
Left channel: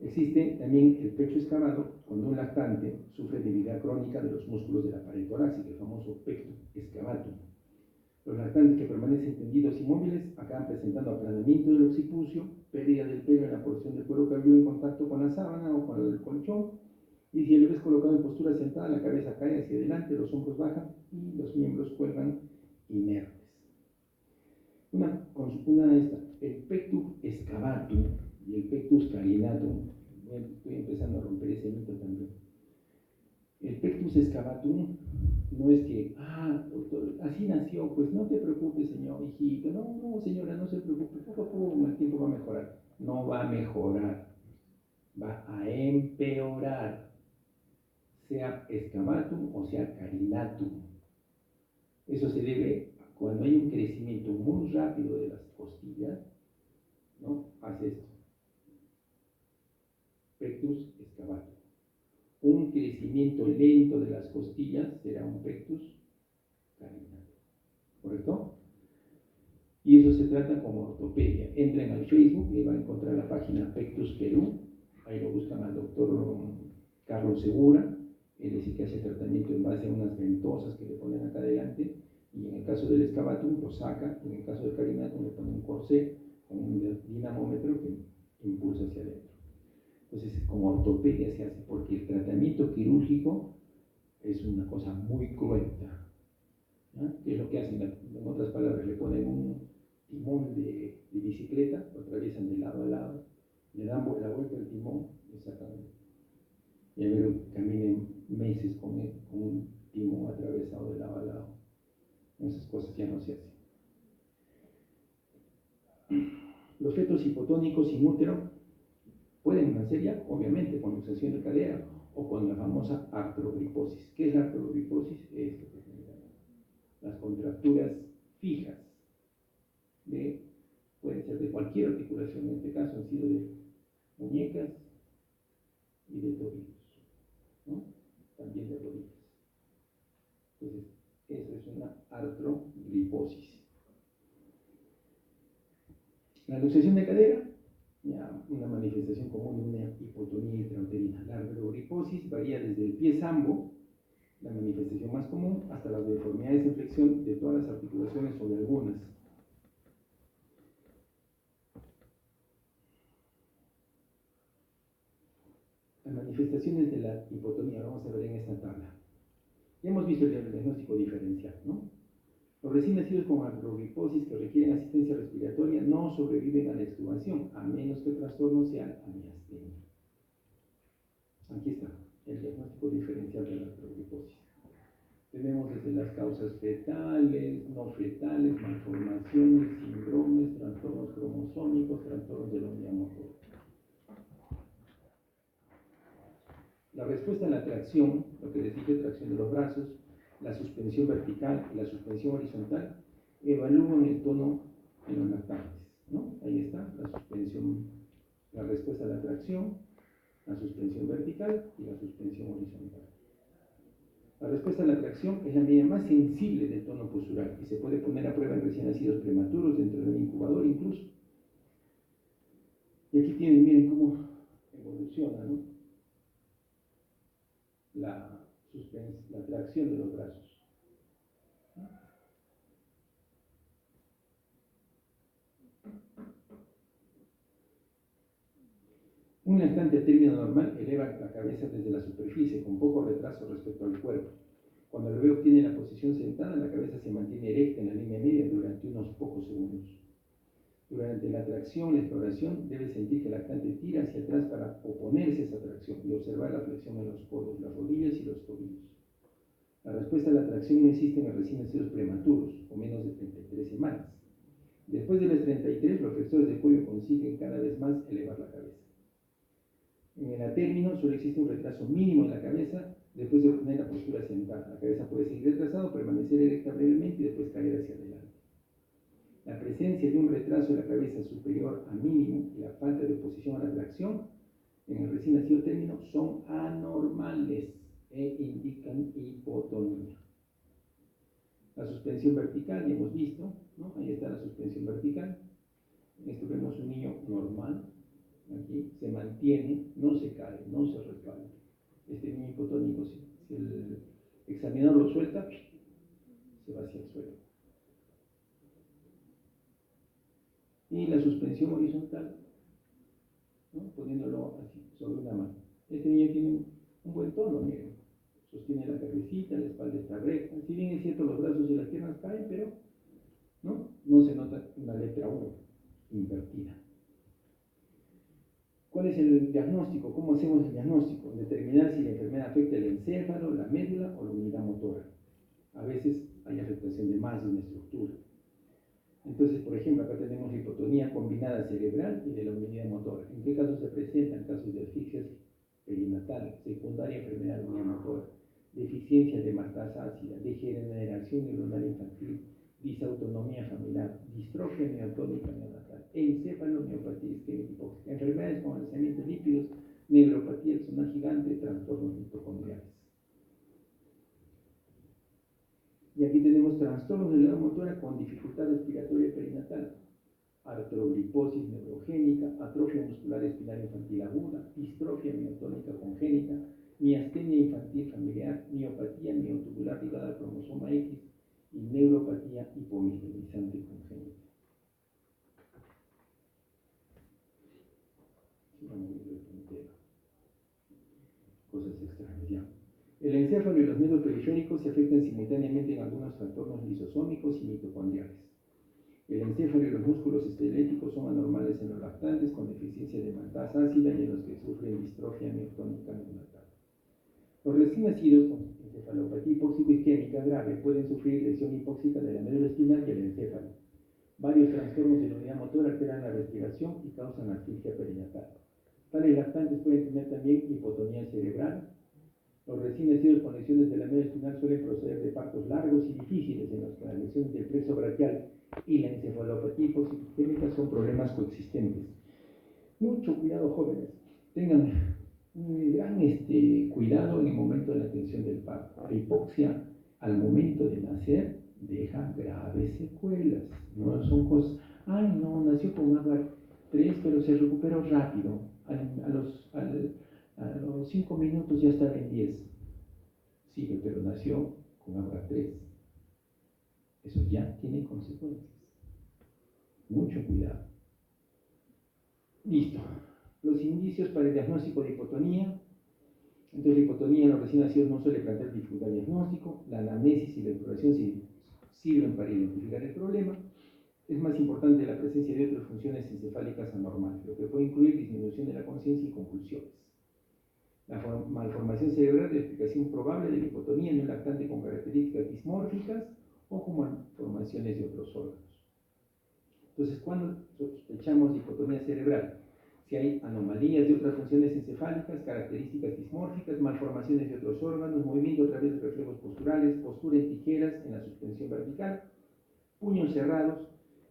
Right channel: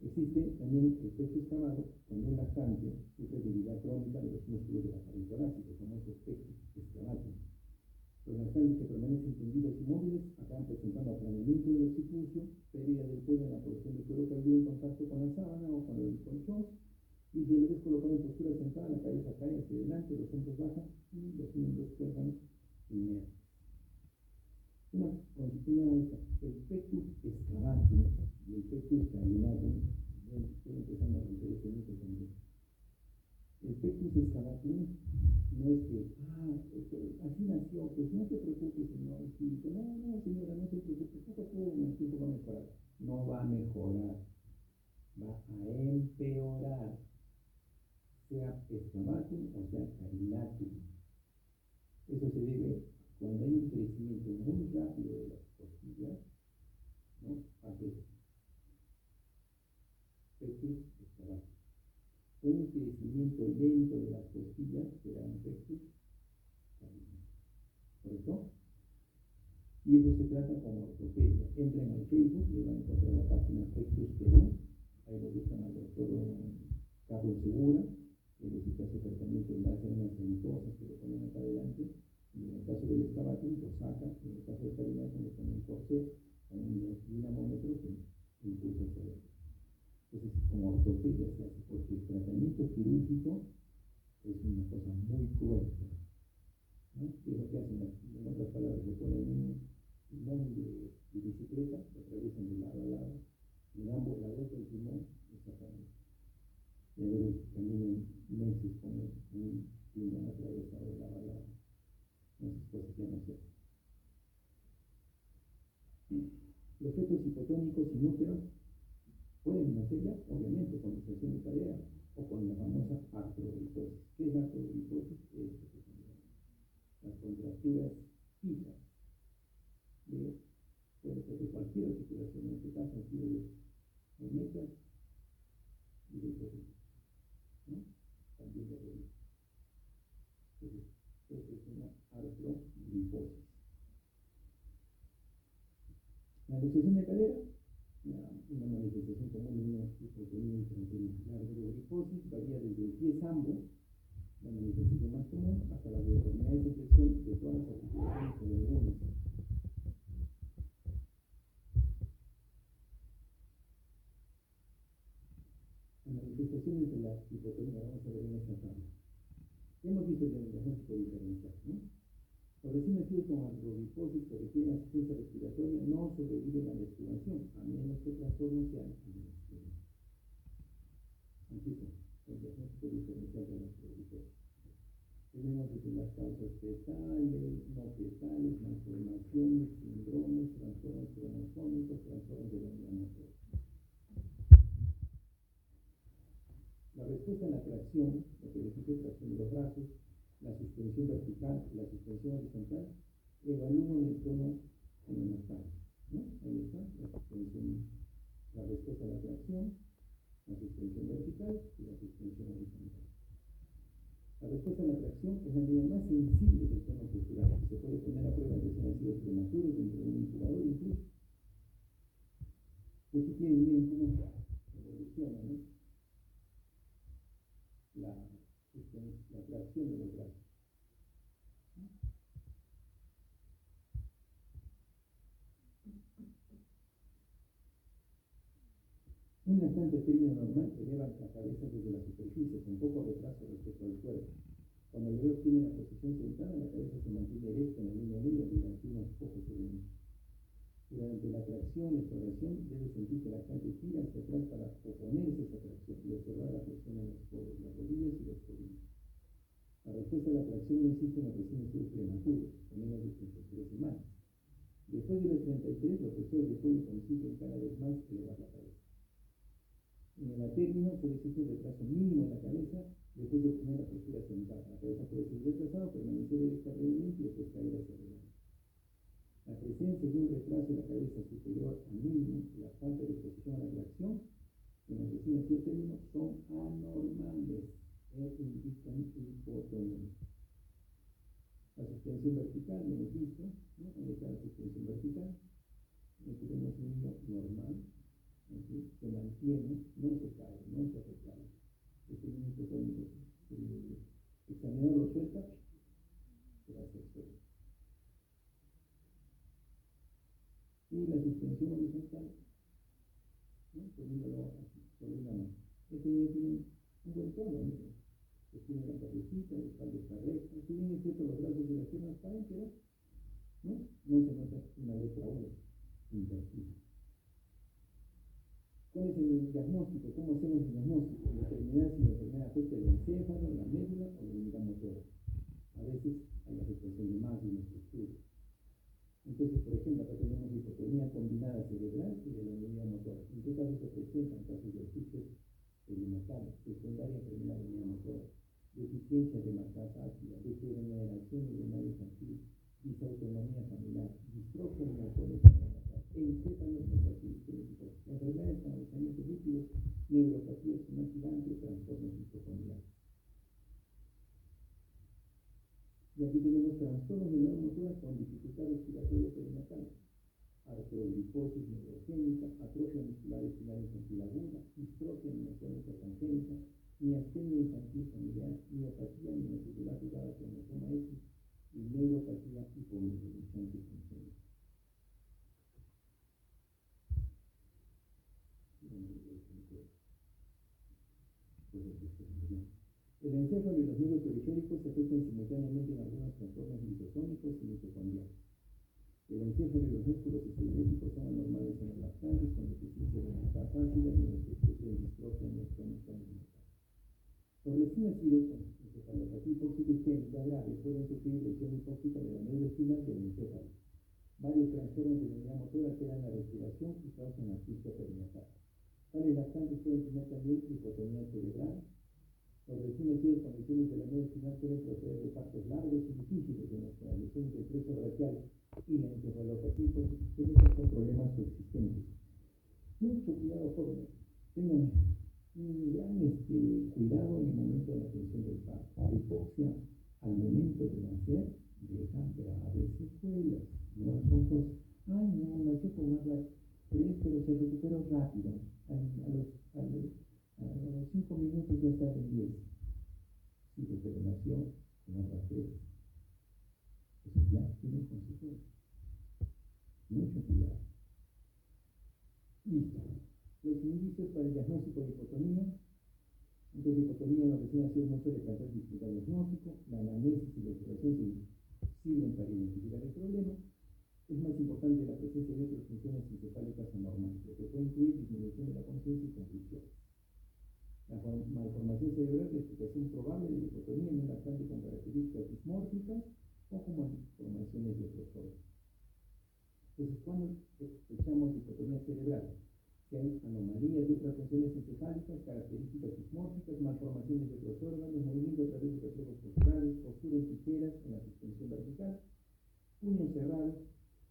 Existe también el pecho excavado cuando un lactante sufre debilidad crónica de los músculos de la pared torácica, el famoso pectus excavatum. Los lactantes que permanecen tendidos inmóviles acaban presentando aplanamiento del occipucio, pérdida del pelo en la porción del cuero cabelludo en contacto con la sábana o con el colchón, y si el bebé es colocado en postura sentada, la cabeza cae hacia adelante, los hombros bajan y los miembros cuelgan inertes. El pectus excavatum y el pectus carinatum, estoy empezando a romper ese mito también. El pectus excavatum no es que, doctor, así nació, pues no te preocupes, señor hijito, no, señora, no se preocupe, poco a poco el tiempo va a mejorar. No va a mejorar, va a empeorar, sea excavatum o sea carinatum. Eso se debe cuando hay un crecimiento muy rápido de las costillas, ¿no? Hace esto. Pectus excavatum. Un crecimiento lento de las costillas será un pectus carinatum. ¿Correcto? Y eso se trata como ortopedia. Entren al Facebook y van a encontrar la página Pectus Perú. Ahí lo buscan al doctor Carlos Segura. Él es el que hace tratamiento en base a unas ventosas que le ponen acá adelante. Y en el caso del excavatum lo saca. En el caso del carinatum le ponen un corsé con un dinamómetro que impulsa hacia adentro. Entonces, como ortopedia se hace, porque el tratamiento quirúrgico es una cosa muy cruenta. ¿No? ¿Qué es lo que hacen? En otras palabras, le ponen un timón de bicicleta, lo atraviesan de lado a lado, le dan la vuelta al timón y sacan. Y a ver, caminen meses con un timón atravesado de lado a lado. Esas cosas ya no se hacen. Los fetos hipotónicos sin útero Pueden nacer ya, obviamente, con luxación de cadera o con la famosa artrogriposis. ¿Qué es la artrogriposis? Esto que se llama las contracturas fijas pueden ser de cualquier articulación, en este caso han sido de muñecas y de tobillos, ¿no? También de rodillas. Entonces, eso es una artrogriposis. La luxación de cadera, ya una manifestación común de una hipotonía intrauterina. La artrogriposis varía desde el pie sambo, la manifestación más común, hasta las deformidades en flexión de todas las articulaciones o de algunas. Las manifestaciones de la hipotonía, vamos a ver en esta tabla. Ya hemos visto el diagnóstico diferencial, ¿no? Los recién nacidos con artrogriposis que requieren asistencia respiratoria no sobreviven a la extubación, a menos que el trastorno sea la miastenia. Aquí está el diagnóstico diferencial de la artrogriposis. Tenemos desde las causas fetales, no fetales, malformaciones, síndromes, trastornos cromosómicos, trastornos de la unidad motora. La respuesta a la tracción, lo que les dije, tracción de los brazos, la suspensión vertical y la suspensión horizontal, evalúan el tono en los lactantes, ¿no? Ahí está la suspensión, la respuesta a la tracción, la suspensión vertical y la suspensión horizontal. La respuesta a la tracción es la medida más sensible del tono postural y se puede poner a prueba en recién nacidos prematuros dentro del incubador incluso. Y aquí tienen, miren cómo evoluciona, ¿no? La tracción de los brazos. Un lactante a término normal eleva la cabeza desde la superficie con poco retraso respecto al cuerpo. Cuando el bebé obtiene la posición sentada, la cabeza se mantiene erecta en la línea media durante unos pocos segundos. Durante la tracción, la exploración, debe sentir que el lactante tira hacia atrás para oponerse a esa tracción y observar la flexión en los codos, las rodillas y los tobillos. La respuesta a la tracción no existe en los recién nacidos prematuros, o menos de 33 semanas. Después de las 33, los flexores de cuello consiguen cada vez más elevar la cabeza. En el atérmino solo existe un retraso mínimo en la cabeza después de obtener la postura sentada. La cabeza puede seguir retrasada, permanecer erecta brevemente y después caer hacia adelante. La presencia de un retraso en la cabeza superior a mínimo y la falta de oposición a la tracción en el recién nacido término son anormales e indican hipotonía. La suspensión vertical, ya hemos visto, ¿no? Ahí está la suspensión vertical. En esto vemos un niño normal, aquí se mantiene, no se cae, no se resbala. Este niño hipotónico, si el examinador lo suelta, se va hacia el suelo. Y la suspensión horizontal, ¿no? Poniéndolo así, sobre una mano. Este niño tiene un buen tono, miren. Sostiene la cabecita, la espalda está recta. Si bien es cierto, los brazos y las piernas caen, pero no se nota una letra U invertida. ¿Cuál es el diagnóstico? ¿Cómo hacemos el diagnóstico? Determinar si la enfermedad afecta el encéfalo, la médula o la unidad motora. A veces hay afectación de más de una estructura. Entonces, por ejemplo, acá tenemos la hipotonía combinada cerebral y de la unidad motora. ¿En qué casos se presentan? Casos de asfixia perinatal, secundaria enfermedad de la unidad motora, deficiencia de maltasa ácida, degeneración neuronal infantil, disautonomía familiar, distrofia miotónica neonatal, encefalomiopatía isquémica hipóxica, enfermedades con alzamiento de lípidos, neuropatía axonal gigante, trastornos mitocondriales. Y aquí tenemos trastornos de la unidad motora con dificultad respiratoria perinatal, artrogriposis neurogénica, atrofia muscular espinal infantil aguda, distrofia miotónica congénita, miastenia infantil familiar, miopatía miotubular ligada al cromosoma X y neuropatía hipomineralizante congénita. Cosas extrañas ya. El encéfalo y los nervios periféricos se afectan simultáneamente en algunos trastornos lisosómicos y mitocondriales. El encéfalo y los músculos esqueléticos son anormales en los lactantes con deficiencia de maltasa ácida y en los que sufren distrofia miotónica neonatal. Los recién nacidos con encefalopatía hipóxico-isquémica grave pueden sufrir lesión hipóxica de la médula espinal y el encéfalo. Varios trastornos de la unidad motora alteran la respiración y causan asfixia perinatal. Tales lactantes pueden tener también hipotonía cerebral. Los recién nacidos con lesiones de la médula espinal suelen proceder de partos largos y difíciles en los que las lesiones del plexo braquial y la encefalopatía hiposistémica son problemas coexistentes. Mucho cuidado, jóvenes. Tengan un gran cuidado en el momento de la atención del parto. La hipoxia al momento de nacer deja graves secuelas. No son cosas, ay no, nació con agua 3, pero se recuperó rápido. A los 5 minutos ya estaba en 10. Sí, pero nació con agua 3. Eso ya tiene consecuencias. Mucho cuidado. Listo. Los indicios para el diagnóstico de hipotonía. Entonces, la hipotonía en los recién nacidos no suele plantear dificultad diagnóstico. La anamnesis y la exploración sirven para identificar el problema. Es más importante la presencia de otras funciones encefálicas anormales, lo que puede incluir disminución de la conciencia y convulsiones. La malformación cerebral es la explicación probable de la hipotonía en un lactante con características dismórficas o con malformaciones de otros órganos. Entonces, cuando sospechamos de hipotonía cerebral, si hay anomalías de otras funciones encefálicas, características dismórficas, malformaciones de otros órganos, movimiento a través de reflejos posturales, postura en tijeras en la suspensión vertical, puños cerrados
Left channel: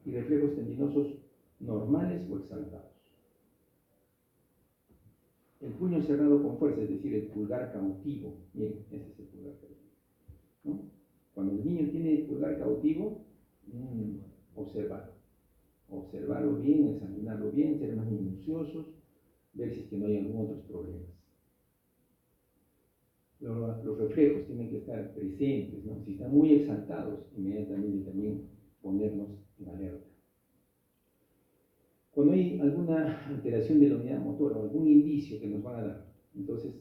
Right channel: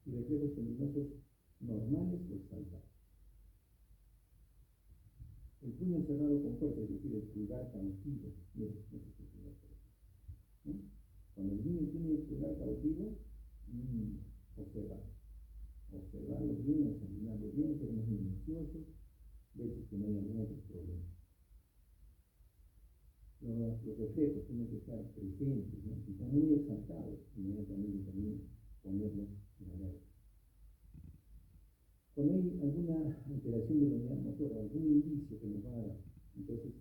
y reflejos tendinosos normales o exaltados. El puño cerrado con fuerza, es decir, el pulgar cautivo. Bien, ese es el pulgar cautivo, ¿no? Cuando el niño tiene el pulgar cautivo, observarlo bien, examinarlo bien, ser más minuciosos, ver si es que no hay algún otro problema. Los reflejos tienen que estar presentes, ¿no? Si están muy exaltados, inmediatamente también ponernos en alerta. Cuando hay alguna alteración de la unidad motora o algún indicio que nos van a dar, entonces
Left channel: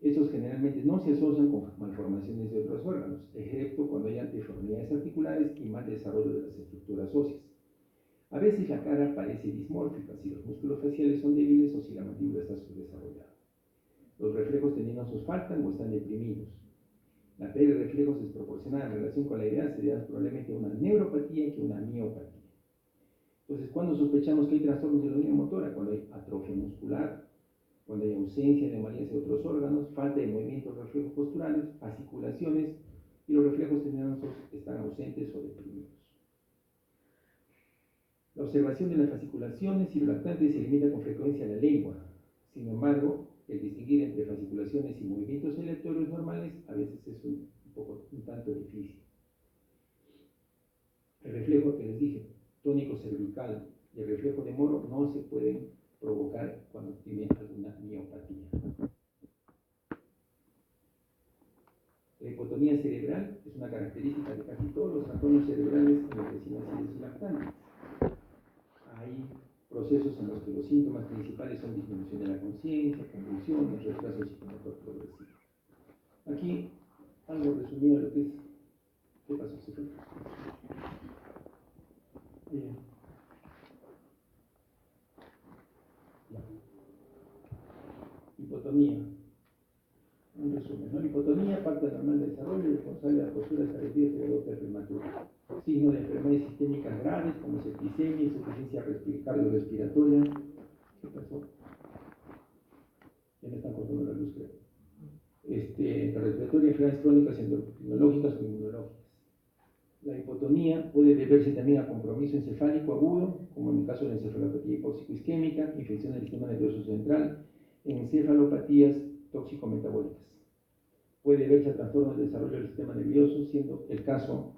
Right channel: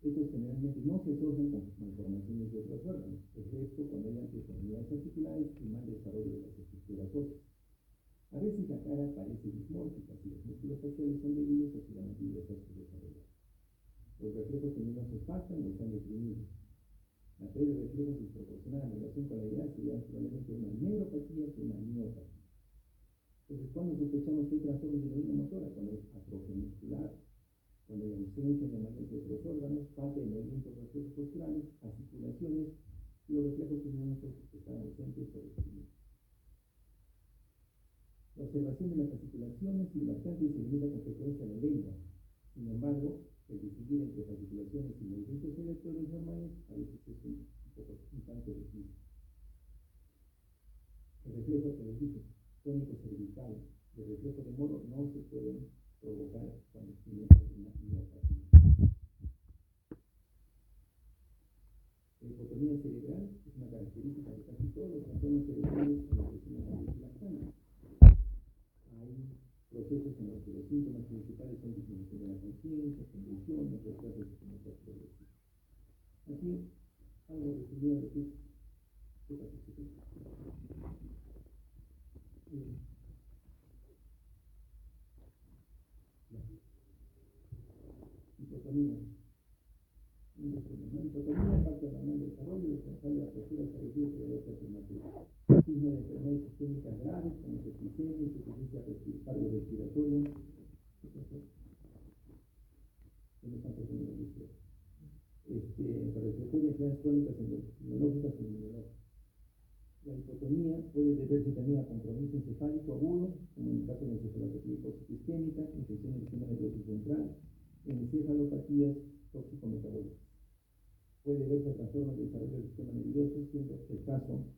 estos generalmente no se asocian con malformaciones de otros órganos, excepto cuando hay deformidades articulares y mal desarrollo de las estructuras óseas. A veces la cara parece dismórfica si los músculos faciales son débiles o si la mandíbula está subdesarrollada. Los reflejos tendinosos faltan o están deprimidos. La pérdida de reflejos desproporcionada en relación con la edad se debe probablemente a una neuropatía que una miopatía. Entonces, ¿cuándo sospechamos que hay trastornos de la unidad motora? Cuando hay atrofia muscular, cuando hay ausencia de anomalías de otros órganos, falta de movimientos reflejos posturales, fasciculaciones y los reflejos tendinosos están ausentes o deprimidos. La observación de las fasciculaciones y los lactantes se limita con frecuencia a la lengua. Sin embargo, el distinguir entre fasciculaciones y movimientos aleatorios normales a veces es un tanto difícil. El reflejo que les dije, tónico cervical y el reflejo de Moro no se pueden provocar cuando tiene alguna miopatía. La hipotonía cerebral es una característica de casi todos los trastornos cerebrales en los recién nacidos y lactantes. Hay procesos en los que los síntomas principales son disminución de la conciencia, convulsiones, retraso psicomotor progresivo. Aquí algo resumido de lo que es. ¿Qué pasó? ¿Se fue? Bien. Hipotonía. Un resumen, ¿no? La hipotonía, parte normal del desarrollo y responsable de la postura establecida de la gota prematura. Signo de enfermedades sistémicas graves como septicemia, insuficiencia cardiorrespiratoria. ¿Qué pasó? Ya me están cortando la luz, creo. Respiratoria, enfermedades crónicas endocrinológicas o inmunológicas. La hipotonía puede deberse también a compromiso encefálico agudo, como en el caso de la encefalopatía hipóxico-isquémica, infección del sistema nervioso central, encefalopatías tóxico-metabólicas. Puede deberse a trastornos de desarrollo del sistema nervioso, siendo el caso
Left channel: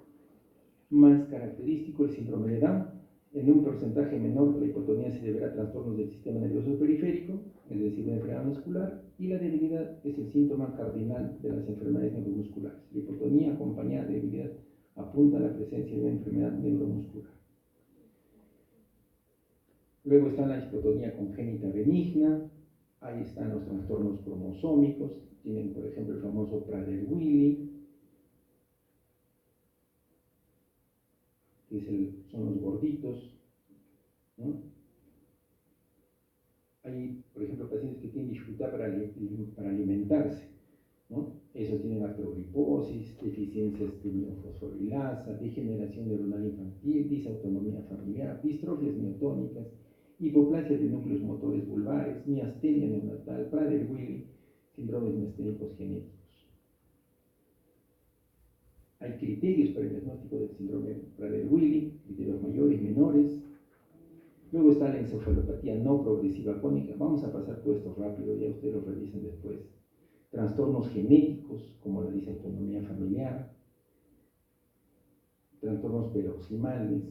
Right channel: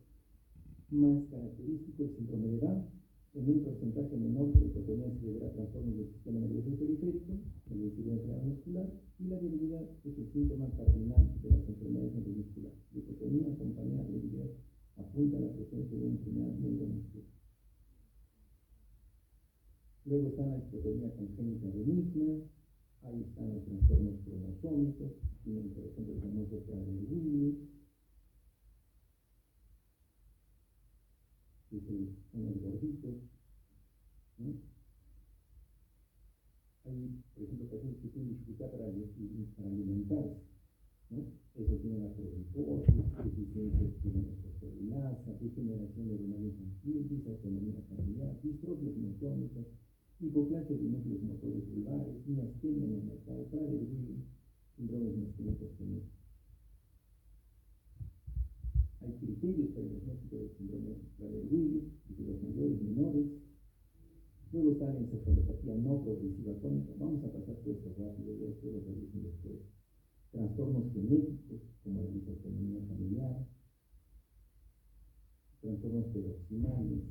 más característico el síndrome de Down. En un porcentaje menor, la hipotonía se deberá a trastornos del sistema nervioso periférico, es decir, la enfermedad muscular, y la debilidad es el síntoma cardinal de las enfermedades neuromusculares. La hipotonía acompañada de debilidad apunta a la presencia de una enfermedad neuromuscular. Luego está la hipotonía congénita benigna, ahí están los trastornos cromosómicos, tienen por ejemplo el famoso Prader-Willi, que son los gorditos, ¿no? Hay, por ejemplo, pacientes que tienen dificultad para alimentarse, ¿no? Esos tienen artrogriposis, deficiencias tiroidofosforilasa, degeneración neuronal infantil, disautonomía familiar, distrofias miotónicas, hipoplasia de núcleos motores vulvares, miastenia neonatal, Prader-Willi, síndromes miasténicos genéticos. Hay criterios para el diagnóstico del síndrome Prader-Willi, criterios mayores, menores. Luego está la encefalopatía no progresiva crónica. Vamos a pasar todo esto rápido, ya ustedes lo revisen después. Trastornos genéticos, como la disautonomía familiar, trastornos paroximales,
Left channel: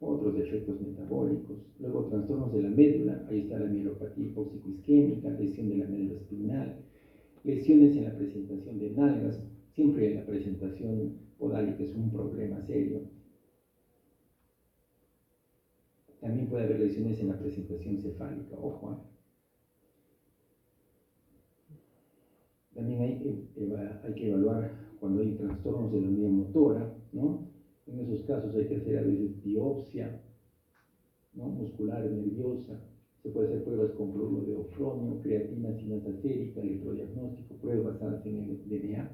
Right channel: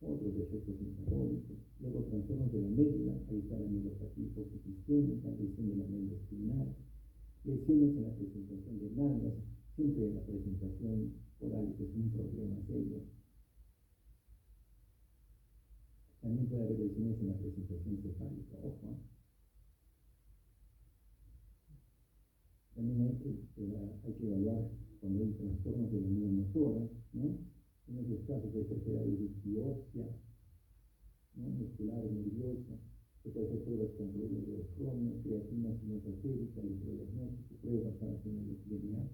otros defectos metabólicos, luego trastornos de la médula, ahí está la mielopatía hipóxico-isquémica, lesión de la médula espinal, lesiones en la presentación de nalgas, siempre la presentación podálica es un problema serio. También puede haber lesiones en la presentación cefálica, ojo. También hay que evaluar cuando hay trastornos de la unidad motora, ¿no? En esos casos hay que hacer a veces biopsia, ¿no? Muscular, nerviosa. Se puede hacer pruebas con cloruro de ofronio, creatina sinasa sérica, electrodiagnóstico, pruebas basadas en el DNA.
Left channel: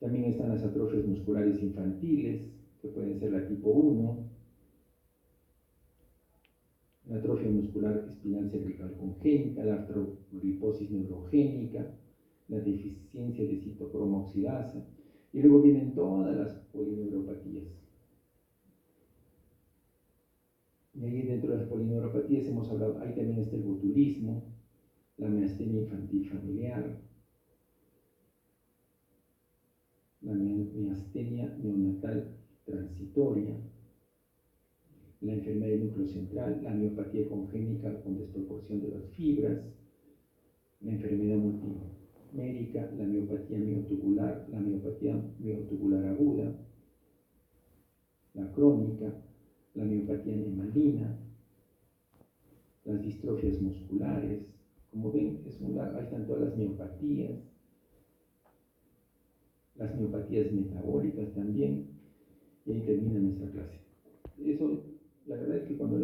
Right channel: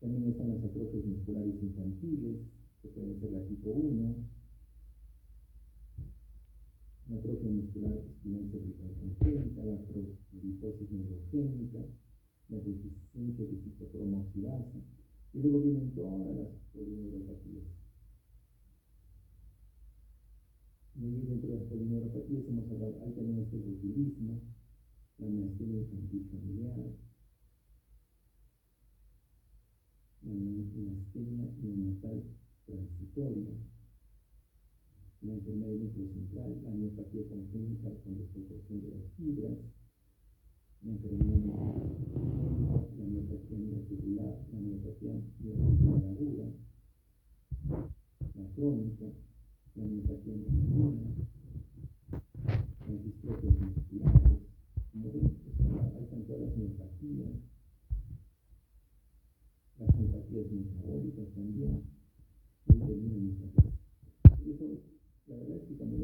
También están las atrofias musculares infantiles, que pueden ser la tipo 1, la atrofia muscular espinal cervical congénita, la artrogriposis neurogénica, la deficiencia de citocromo oxidasa, y luego vienen todas las polineuropatías. Y ahí dentro de las polineuropatías hemos hablado, ahí también está el botulismo, la miastenia infantil familiar, la miastenia neonatal transitoria, la enfermedad del núcleo central, la miopatía congénita con desproporción de las fibras, la enfermedad multimérica, la miopatía miotubular, la miopatía miotubular aguda, la crónica, la miopatía nemalina, las distrofias musculares. Como ven, ahí están todas las miopatías, las miopatías metabólicas también, y ahí termina nuestra clase. Eso, la verdad es que cuando